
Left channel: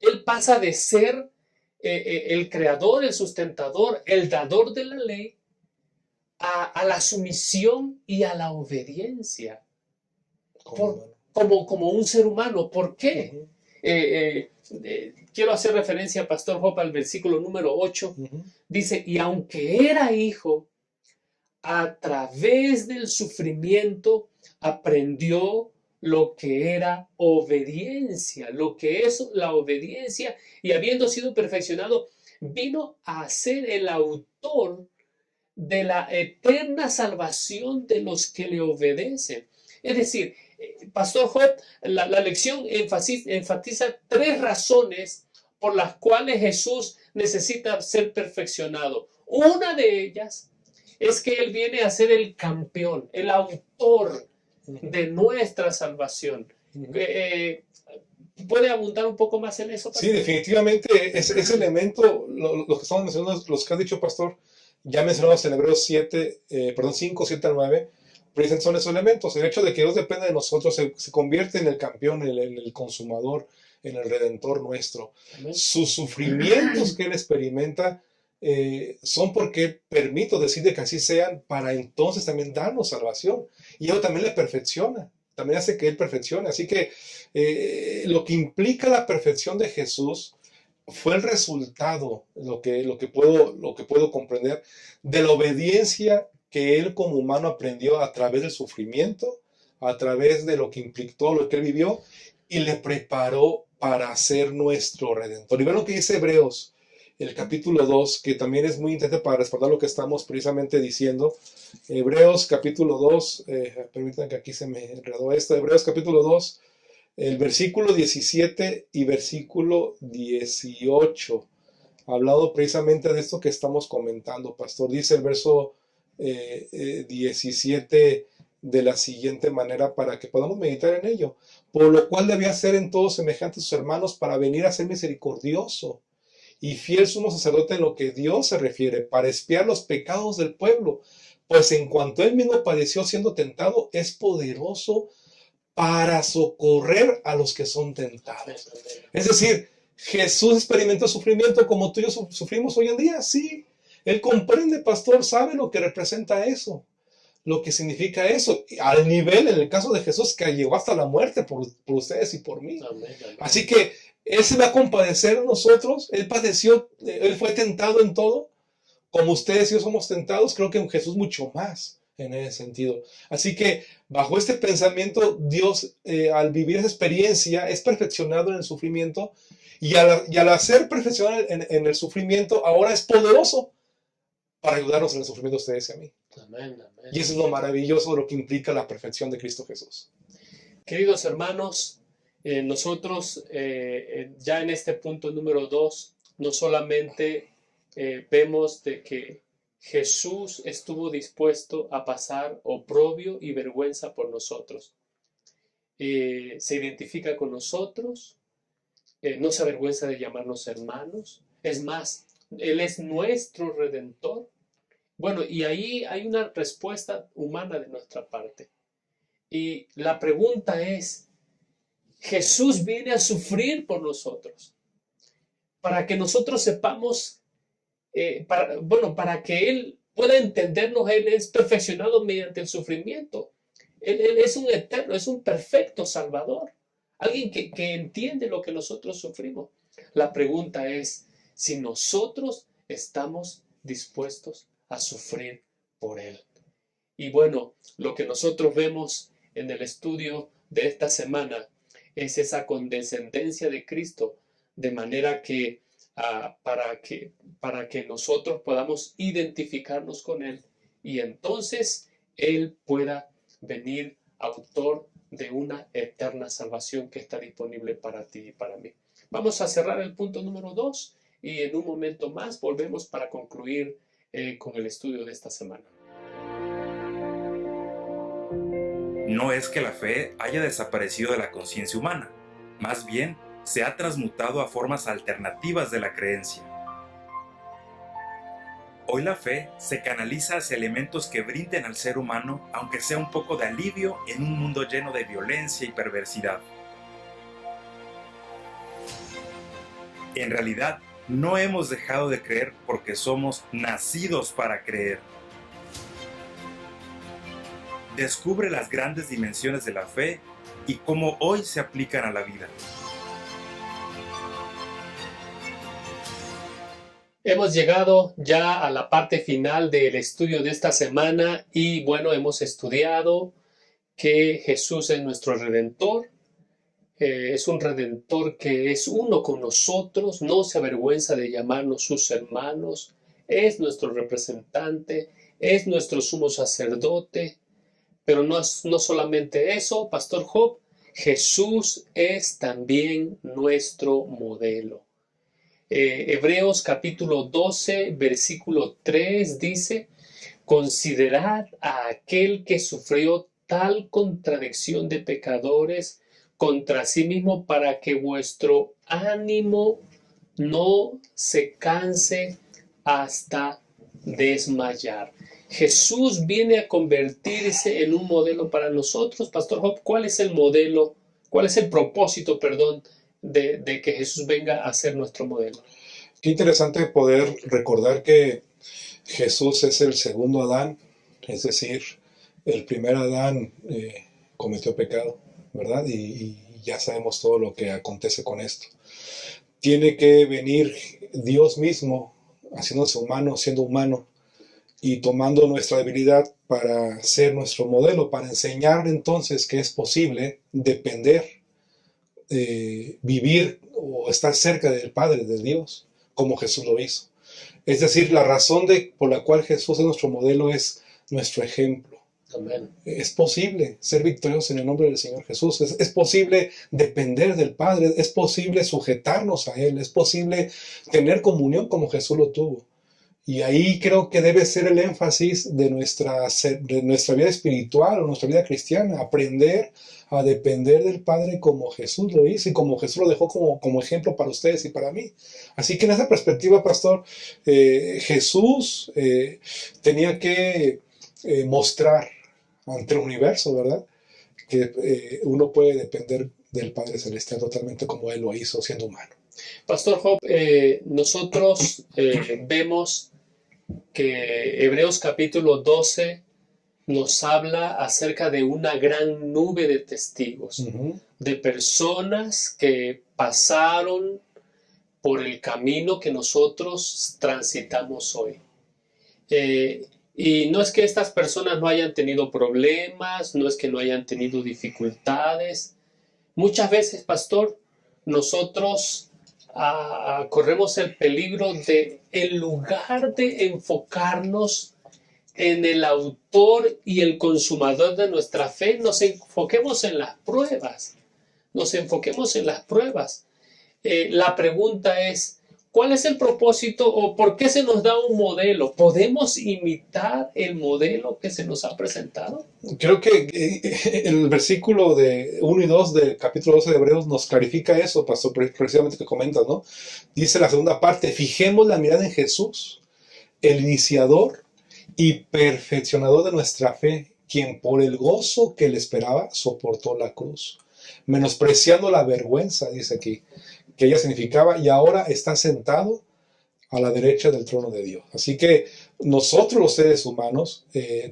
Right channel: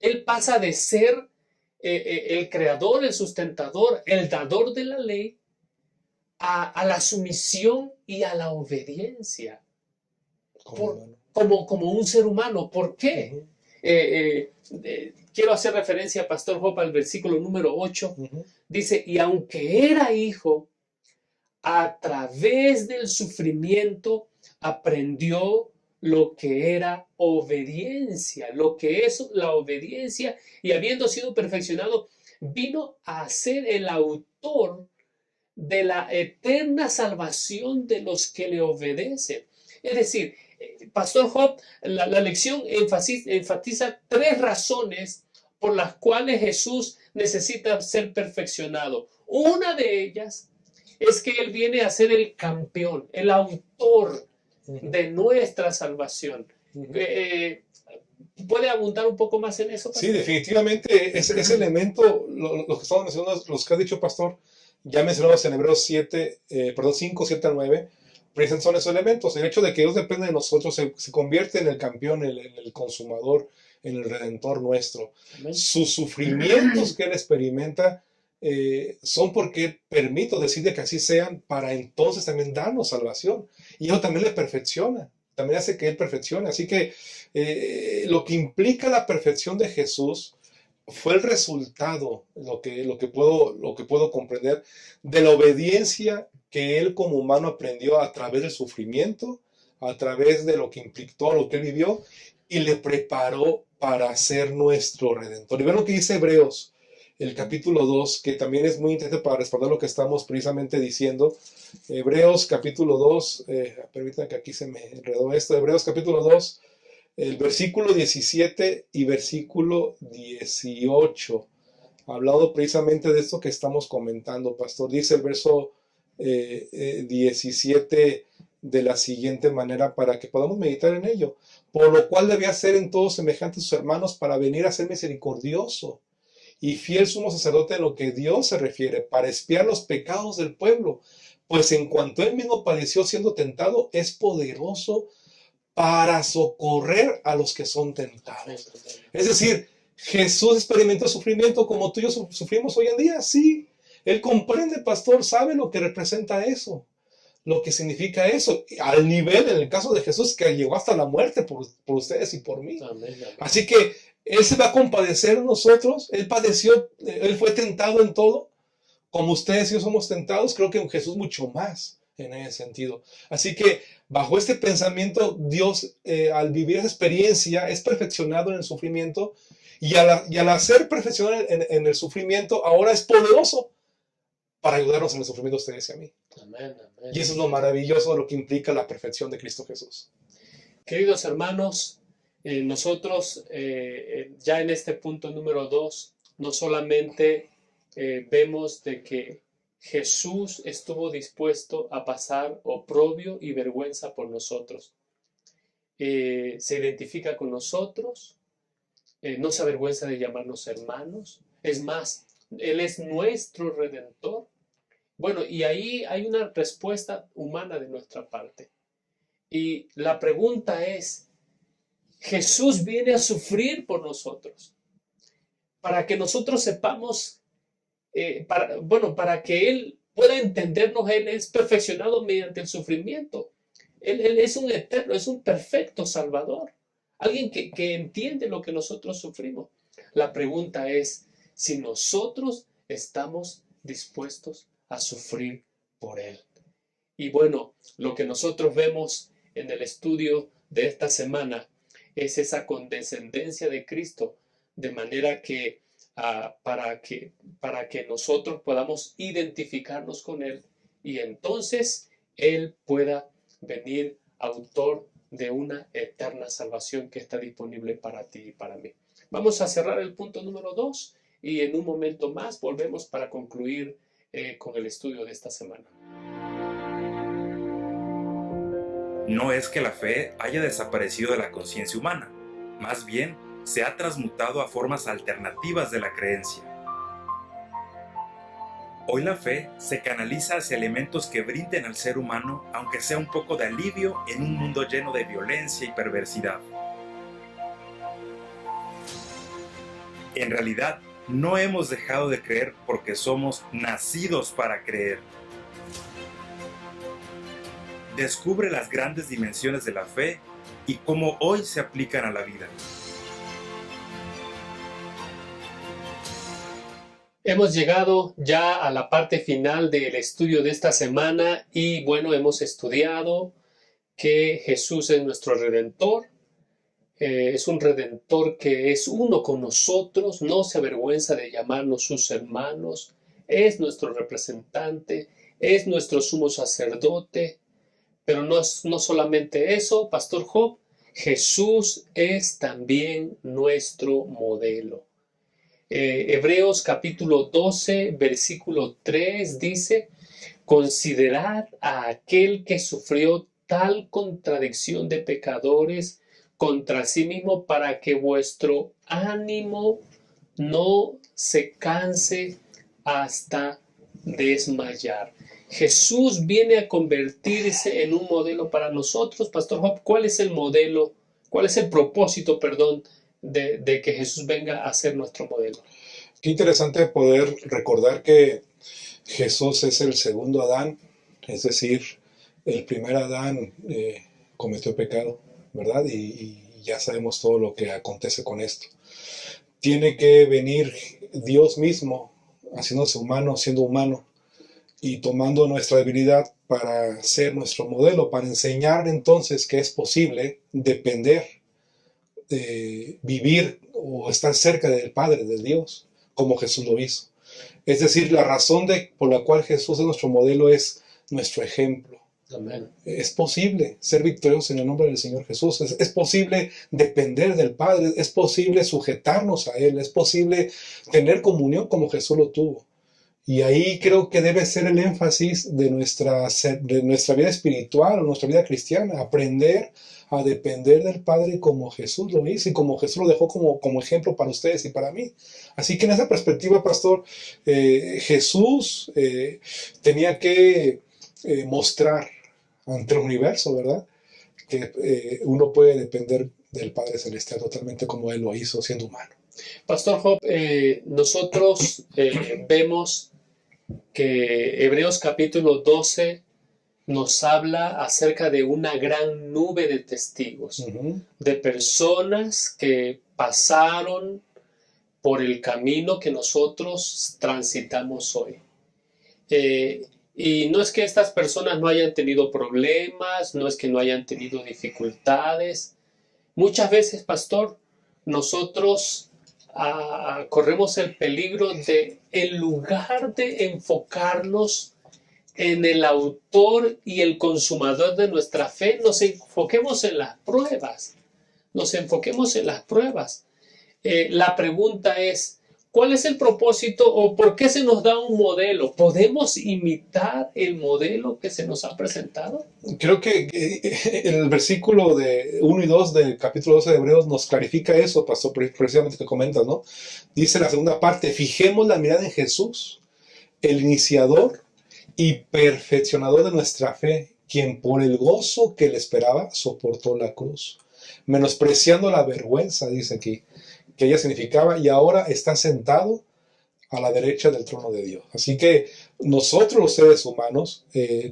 Él pasa de ser el creador, el sustentador, el dador de la ley, a la sumisión y a la obediencia como un ser humano. ¿Por qué? Quiero hacer referencia, Pastor Job, al versículo número 8. Dice, y aunque era hijo, a través del sufrimiento aprendió lo que era obediencia, lo que es la obediencia, y habiendo sido perfeccionado, vino a ser el autor de la eterna salvación de los que le obedecen. Es decir, Pastor Job, la lección enfatiza tres razones por las cuales Jesús necesita ser perfeccionado. Una de ellas es que Él viene a ser el campeón, el autor de nuestra salvación. ¿Puede abundar un poco más en eso, pastor? Sí, definitivamente ese elemento, los que estamos mencionando, los que ha dicho Pastor, ya mencionamos en Hebreos 5, 7 al 9, precisamente son esos elementos. El hecho de que Dios depende de nosotros se convierte en el campeón, en el consumador, en el redentor nuestro. Amén. Sus sufrimientos que Él experimenta son porque Él permite, decide que así sean, para entonces también darnos salvación. Y eso también le perfecciona, también hace que Él perfeccione. Así que lo que implica la perfección de Jesús fue el resultado, lo que puedo comprender, de la obediencia que Él como humano aprendió a través del sufrimiento, a través de lo que implicó, lo que Él vivió, y le preparó para ser nuestro Redentor. Y ven lo que dice Hebreos, el capítulo 2, que también es muy interesante para respaldar lo que estamos precisamente diciendo. Hebreos capítulo 2, permítanme que aquí se me enredó esto, Hebreos capítulo 2, El versículo 17 y versículo 18, hablado precisamente de esto que estamos comentando, pastor. Dice el verso 17 de la siguiente manera para que podamos meditar en ello. Por lo cual debía ser en todos semejantes a sus hermanos para venir a ser misericordioso y fiel sumo sacerdote en lo que Dios se refiere, para expiar los pecados del pueblo, pues en cuanto él mismo padeció siendo tentado, es poderoso para socorrer a los que son tentados. Es decir, Jesús experimentó sufrimiento como tú y yo sufrimos hoy en día, sí. Él comprende, pastor, sabe lo que representa eso, lo que significa eso, al nivel, en el caso de Jesús, que llegó hasta la muerte por ustedes y por mí. Amén, amén. Así que Él se va a compadecer de nosotros. Él padeció, Él fue tentado en todo. Como ustedes y yo somos tentados, creo que Jesús mucho más en ese sentido. Así que bajo este pensamiento, Dios al vivir esa experiencia es perfeccionado en el sufrimiento y al hacer perfeccionado en el sufrimiento, ahora es poderoso para ayudarnos en el sufrimiento a ustedes y a mí. Amén, amén. Y eso es lo maravilloso de lo que implica la perfección de Cristo Jesús. Queridos hermanos, nosotros ya en este punto número 2, no solamente vemos de que Jesús estuvo dispuesto a pasar oprobio y vergüenza por nosotros. Se identifica con nosotros, no se avergüenza de llamarnos hermanos. Es más, Él es nuestro Redentor. Bueno, y ahí hay una respuesta humana de nuestra parte. Y la pregunta es, Jesús viene a sufrir por nosotros, para que nosotros sepamos, para que Él pueda entendernos. Él es perfeccionado mediante el sufrimiento. Él es un eterno, es un perfecto Salvador, alguien que entiende lo que nosotros sufrimos. La pregunta es si nosotros estamos dispuestos a sufrir por Él. Y bueno, lo que nosotros vemos en el estudio de esta semana es esa condescendencia de Cristo, de manera que para que nosotros podamos identificarnos con Él y entonces Él pueda venir autor de una eterna salvación que está disponible para ti y para mí. Vamos a cerrar el punto número 2 y en un momento más volvemos para concluir con el estudio de esta semana. No es que la fe haya desaparecido de la conciencia humana, más bien se ha transmutado a formas alternativas de la creencia. Hoy la fe se canaliza hacia elementos que brinden al ser humano, aunque sea un poco de alivio en un mundo lleno de violencia y perversidad. En realidad, no hemos dejado de creer porque somos nacidos para creer. Descubre las grandes dimensiones de la fe y cómo hoy se aplican a la vida. Hemos llegado ya a la parte final del estudio de esta semana y bueno, hemos estudiado que Jesús es nuestro Redentor. Es un Redentor que es uno con nosotros, no se avergüenza de llamarnos sus hermanos, es nuestro representante, es nuestro sumo sacerdote. Pero no solamente eso, Pastor Job, Jesús es también nuestro modelo. Hebreos capítulo 12, versículo 3 dice, considerad a aquel que sufrió tal contradicción de pecadores contra sí mismo para que vuestro ánimo no se canse hasta desmayar. Jesús viene a convertirse en un modelo para nosotros. Pastor Job, ¿cuál es el modelo? ¿Cuál es el propósito, de que Jesús venga a ser nuestro modelo? Qué interesante poder recordar que Jesús es el segundo Adán, es decir, el primer Adán cometió pecado, ¿verdad? Y ya sabemos todo lo que acontece con esto. Tiene que venir Dios mismo, haciéndose humano, siendo humano, y tomando nuestra debilidad para ser nuestro modelo, para enseñar entonces que es posible depender, vivir o estar cerca del Padre, de Dios, como Jesús lo hizo. Es decir, la razón por la cual Jesús es nuestro modelo es nuestro ejemplo. Amén. Es posible ser victoriosos en el nombre del Señor Jesús. Es posible depender del Padre. Es posible sujetarnos a Él. Es posible tener comunión como Jesús lo tuvo. Y ahí creo que debe ser el énfasis de nuestra vida espiritual o nuestra vida cristiana. Aprender a depender del Padre como Jesús lo hizo y como Jesús lo dejó como ejemplo para ustedes y para mí. Así que en esa perspectiva, pastor, Jesús tenía que mostrar ante el universo, ¿verdad? Que uno puede depender del Padre Celestial totalmente como Él lo hizo siendo humano. Pastor Job, nosotros vemos que Hebreos capítulo 12 nos habla acerca de una gran nube de testigos, de personas que pasaron por el camino que nosotros transitamos hoy. Y no es que estas personas no hayan tenido problemas, no es que no hayan tenido dificultades. Muchas veces, pastor, nosotros corremos el peligro de, en lugar de enfocarnos en el autor y el consumador de nuestra fe, nos enfoquemos en las pruebas. Nos enfoquemos en las pruebas. La pregunta es, ¿cuál es el propósito o por qué se nos da un modelo? ¿Podemos imitar el modelo que se nos ha presentado? Creo que el versículo de 1 y 2 del capítulo 12 de Hebreos nos clarifica eso, pastor, precisamente que comentas, ¿no? Dice la segunda parte, fijemos la mirada en Jesús, el iniciador y perfeccionador de nuestra fe, quien por el gozo que le esperaba soportó la cruz, menospreciando la vergüenza, dice aquí, que ella significaba, y ahora está sentado a la derecha del trono de Dios. Así que nosotros los seres humanos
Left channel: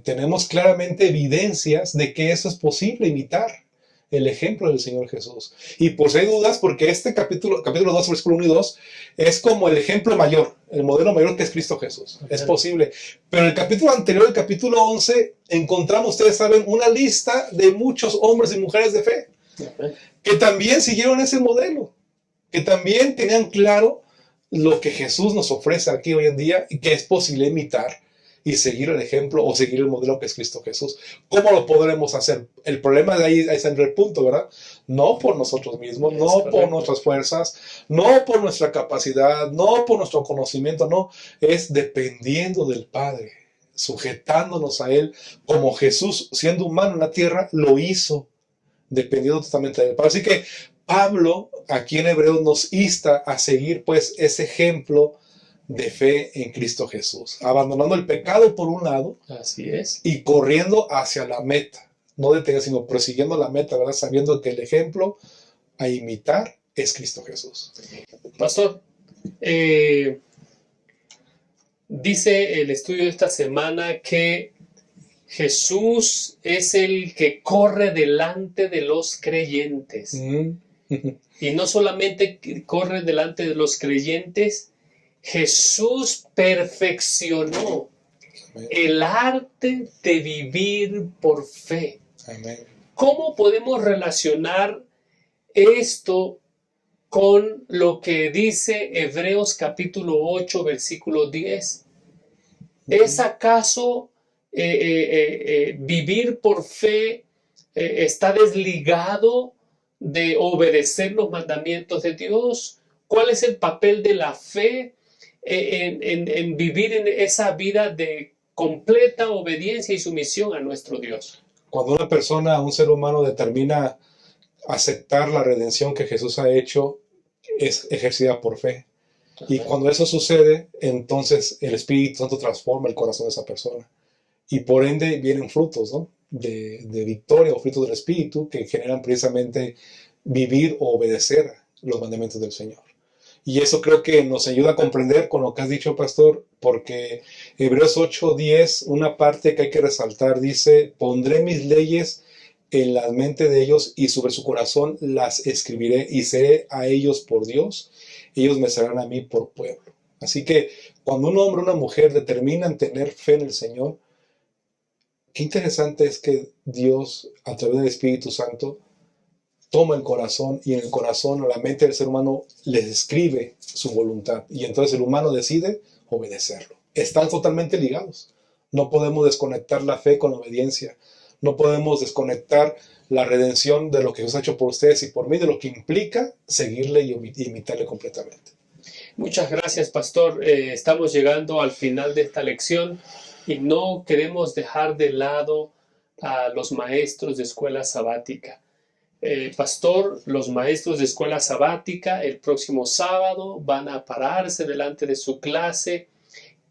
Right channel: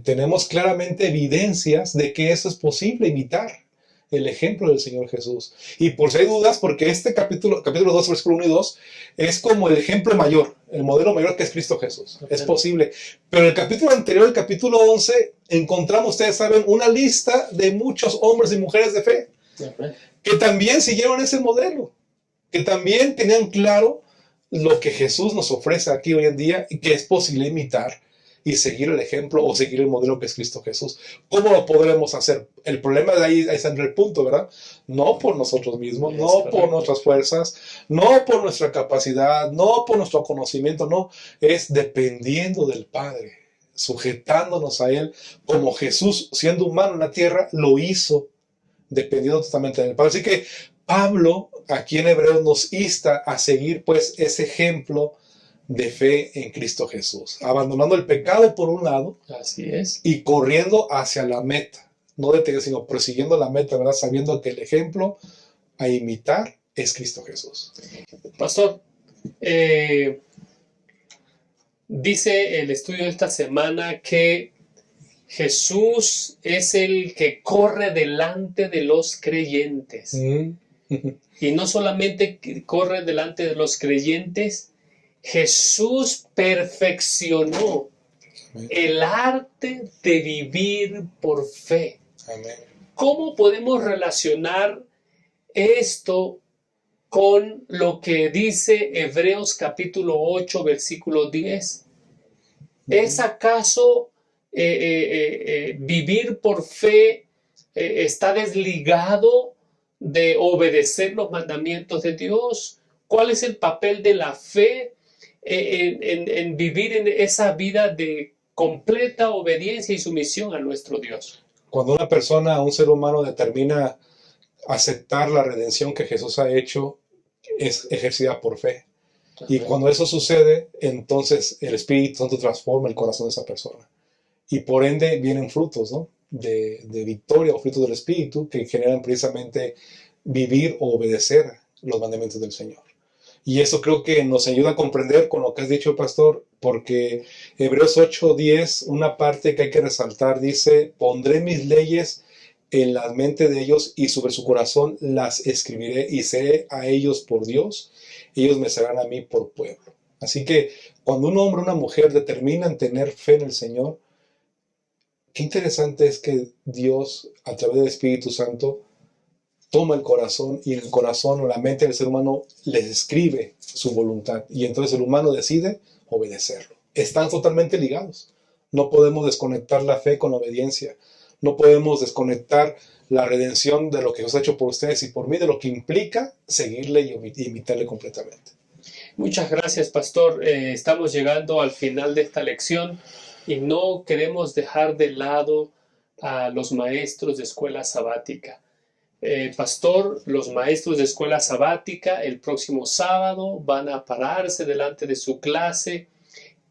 tenemos claramente evidencias de que eso es posible, imitar el ejemplo del Señor Jesús. Y por si hay dudas, porque este capítulo 2, versículo 1 y 2, es como el ejemplo mayor, el modelo mayor que es Cristo Jesús. Okay. Es posible. Pero en el capítulo anterior, el capítulo 11, encontramos, ustedes saben, una lista de muchos hombres y mujeres de fe, okay, que también siguieron ese modelo, que también tenían claro lo que Jesús nos ofrece aquí hoy en día y que es posible imitar y seguir el ejemplo o seguir el modelo que es Cristo Jesús. ¿Cómo lo podremos hacer? El problema de ahí está en el punto, ¿verdad? No por nosotros mismos, no por nuestras fuerzas, no por nuestra capacidad, no por nuestro conocimiento, no. Es dependiendo del Padre, sujetándonos a Él como Jesús, siendo humano en la tierra, lo hizo, dependiendo totalmente del Padre. Así que Pablo, aquí en Hebreos, nos insta a seguir pues ese ejemplo de fe en Cristo Jesús, abandonando el pecado por un lado, así es, y corriendo hacia la meta, no deteniendo, sino prosiguiendo la meta, ¿verdad? Sabiendo que el ejemplo a imitar es Cristo Jesús. Pastor, dice el estudio de esta semana que Jesús es el que corre delante de los creyentes. Y no solamente corre delante de los creyentes, Jesús perfeccionó el arte de vivir por fe. Amén. ¿Cómo podemos relacionar esto con lo que dice Hebreos capítulo 8, versículo 10? ¿Es acaso vivir por fe está desligado de obedecer los mandamientos de Dios? ¿Cuál es el papel de la fe en vivir en esa vida de completa obediencia y sumisión a nuestro Dios? Cuando una persona, un ser humano, determina aceptar la redención que Jesús ha hecho, es ejercida por fe. Ajá. Y cuando eso sucede, entonces el Espíritu Santo transforma el corazón de esa persona. Y por ende vienen frutos, ¿no? de victoria o frutos del Espíritu que generan precisamente vivir o obedecer los mandamientos del Señor. Y eso creo que nos ayuda a comprender con lo que has dicho, pastor, porque Hebreos 8:10, una parte que hay que resaltar, dice, pondré mis leyes en la mente de ellos y sobre su corazón las escribiré y seré a ellos por Dios, ellos me serán a mí por pueblo. Así que cuando un hombre o una mujer determinan tener fe en el Señor, qué interesante es que Dios, a través del Espíritu Santo, toma el corazón y en el corazón o la mente del ser humano les escribe su voluntad. Y entonces el humano decide obedecerlo. Están totalmente ligados. No podemos desconectar la fe con la obediencia. No podemos desconectar la redención de lo que Jesús ha hecho por ustedes y por mí, de lo que implica seguirle y imitarle completamente. Muchas gracias, pastor. Estamos llegando al final de esta lección y no queremos dejar de lado a los maestros de escuela sabática. Pastor, los maestros de escuela sabática el próximo sábado van a pararse delante de su clase.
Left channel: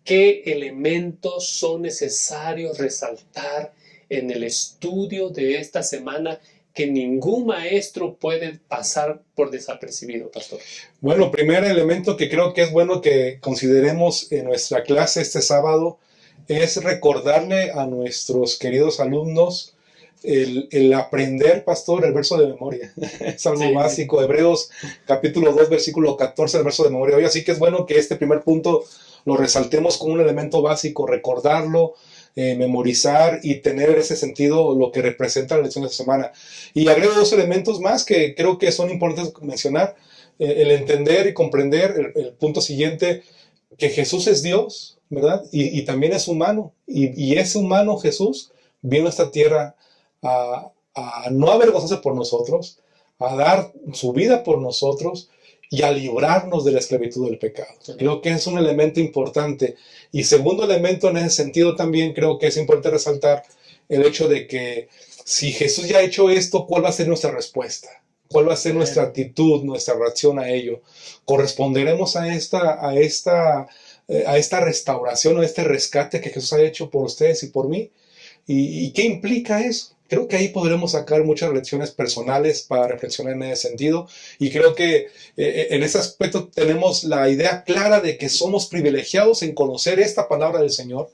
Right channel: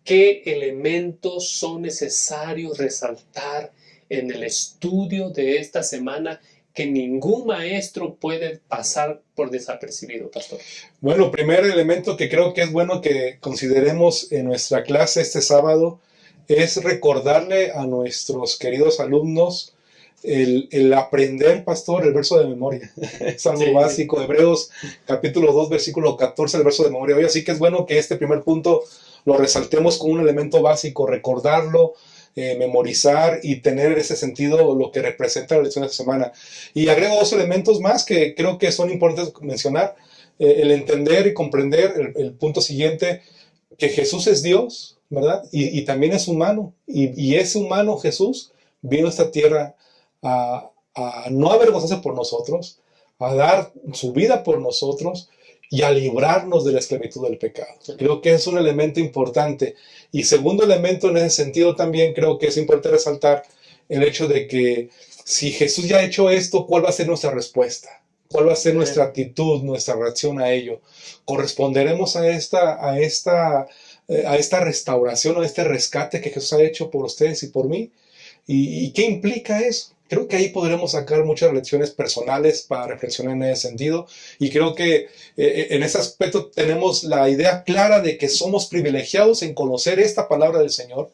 ¿Qué elementos son necesarios resaltar en el estudio de esta semana que ningún maestro puede pasar por desapercibido, pastor? Bueno, primer elemento que creo que es bueno que consideremos en nuestra clase este sábado es recordarle a nuestros queridos alumnos el aprender, pastor, el verso de memoria. Es algo básico. Hebreos capítulo 2, versículo 14, el verso de memoria. Hoy así que es bueno que este primer punto lo resaltemos con un elemento básico, recordarlo, memorizar y tener ese sentido lo que representa la lección de esta semana. Y agrego dos elementos más que creo que son importantes mencionar. El entender y comprender el punto siguiente, que Jesús es Dios, ¿verdad? Y también es humano. Y ese humano Jesús vino a esta tierra a no avergonzarse por nosotros, a dar su vida por nosotros y a librarnos de la esclavitud del pecado. Creo que es un elemento importante. Y segundo elemento en ese sentido también creo que es importante resaltar el hecho de que si Jesús ya ha hecho esto, ¿cuál va a ser nuestra respuesta? ¿Cuál va a ser nuestra actitud, nuestra reacción a ello? ¿Corresponderemos a esta restauración o a este rescate que Jesús ha hecho por ustedes y por mí? ¿Y qué implica eso? Creo que ahí podremos sacar muchas lecciones personales para reflexionar en ese sentido. Y creo que en ese aspecto tenemos la idea clara de que somos privilegiados en conocer esta palabra del Señor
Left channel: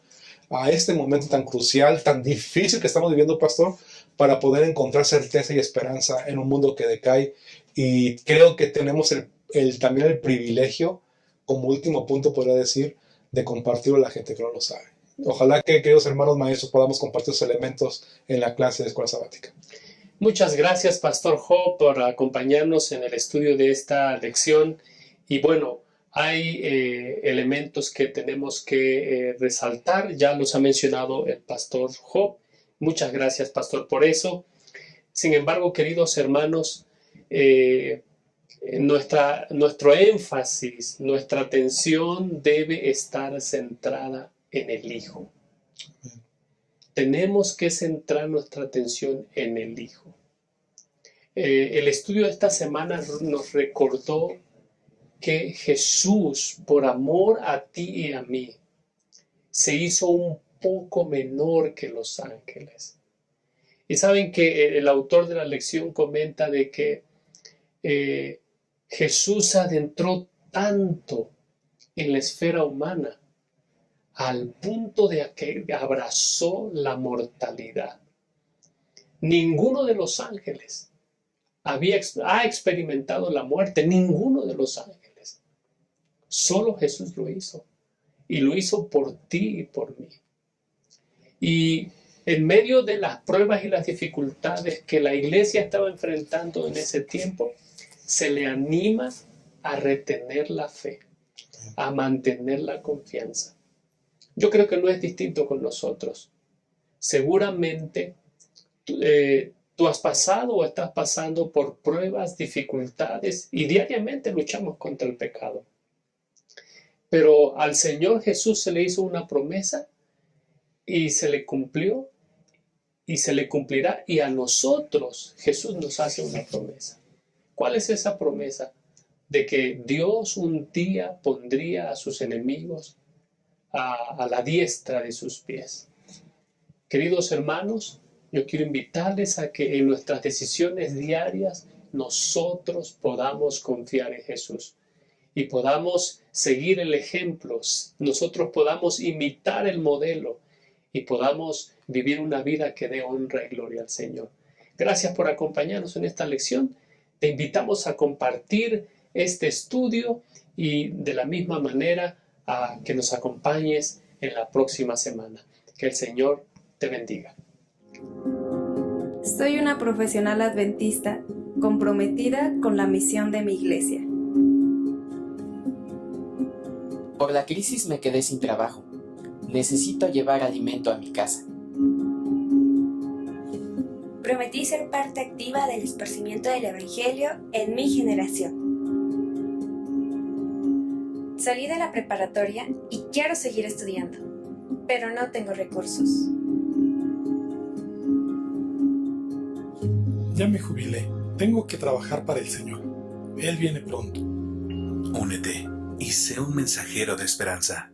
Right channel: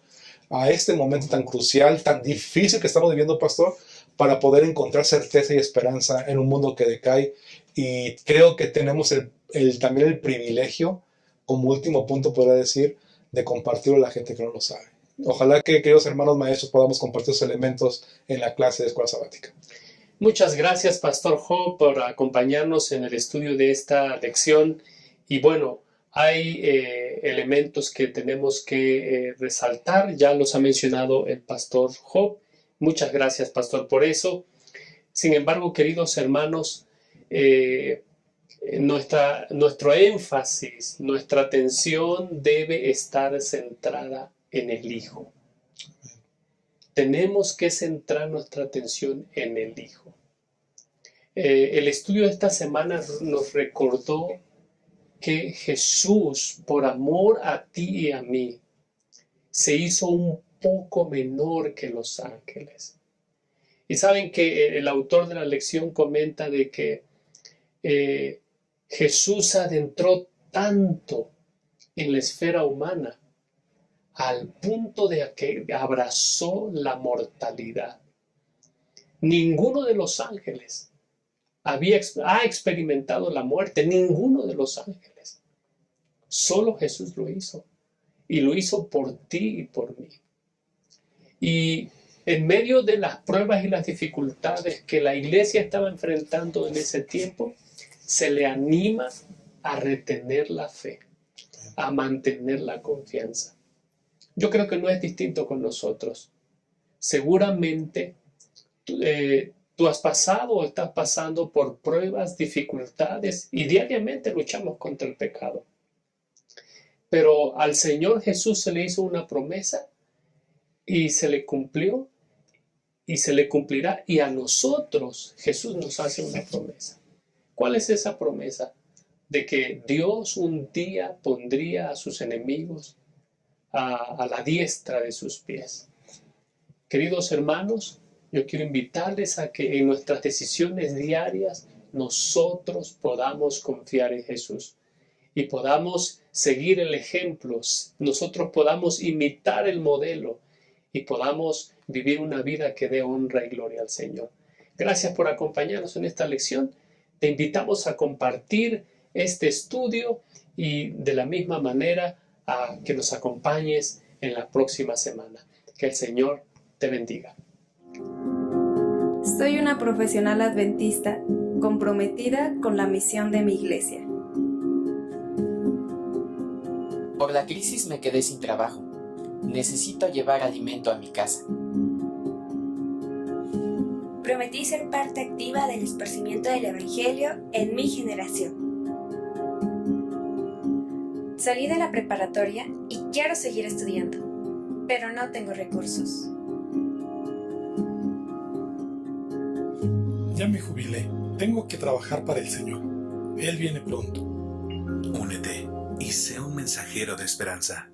a este momento tan crucial, tan difícil que estamos viviendo, pastor, para poder encontrar certeza y esperanza en un mundo que decae. Y creo que tenemos también el privilegio, como último punto podría decir, de compartirlo a la gente que no lo sabe. Ojalá que, queridos hermanos maestros, podamos compartir esos elementos en la clase de escuela sabática. Muchas gracias, Pastor Jo, por acompañarnos en el estudio de esta lección. Y bueno, hay elementos que tenemos que resaltar. Ya los ha mencionado el Pastor Jo. Muchas gracias, Pastor, por eso. Sin embargo, queridos hermanos, nuestro énfasis, nuestra atención debe estar centrada en el Hijo. Tenemos que centrar nuestra atención en el Hijo. El estudio de esta semana nos recordó que Jesús, por amor a ti y a mí, se hizo un poco menor que los ángeles. Y saben que el autor de la lección comenta de que Jesús se adentró tanto en la esfera humana al punto de que abrazó la mortalidad. Ninguno de los ángeles ha experimentado la muerte, ninguno de los ángeles. Solo Jesús lo hizo, y lo hizo por ti y por mí. Y en medio de las pruebas y las dificultades que la iglesia estaba enfrentando en ese tiempo, se le anima a retener la fe, a mantener la confianza. Yo creo que no es distinto con nosotros. Seguramente tú has pasado o estás pasando por pruebas, dificultades y diariamente luchamos contra el pecado. Pero al Señor Jesús se le hizo una promesa y se le cumplió y se le cumplirá. Y a nosotros Jesús nos hace una promesa. ¿Cuál es esa promesa? De que Dios un día pondría a sus enemigos a la diestra de sus pies. Queridos hermanos, yo quiero invitarles a que en nuestras decisiones diarias nosotros podamos confiar en Jesús y podamos seguir el ejemplo, nosotros podamos imitar el modelo y podamos vivir una vida que dé honra y gloria al Señor. Gracias por acompañarnos en esta lección. Te invitamos a compartir este estudio y de la misma manera a que nos acompañes en la próxima semana. Que el Señor te bendiga. Soy una profesional adventista comprometida con la misión de mi iglesia. Por la crisis me quedé sin trabajo. Necesito llevar alimento a mi casa. Prometí ser parte activa del esparcimiento del Evangelio en mi generación. Salí de la preparatoria y quiero seguir estudiando, pero no tengo recursos. Ya me jubilé. Tengo que trabajar para el Señor. Él viene pronto. Únete y sé un mensajero de esperanza.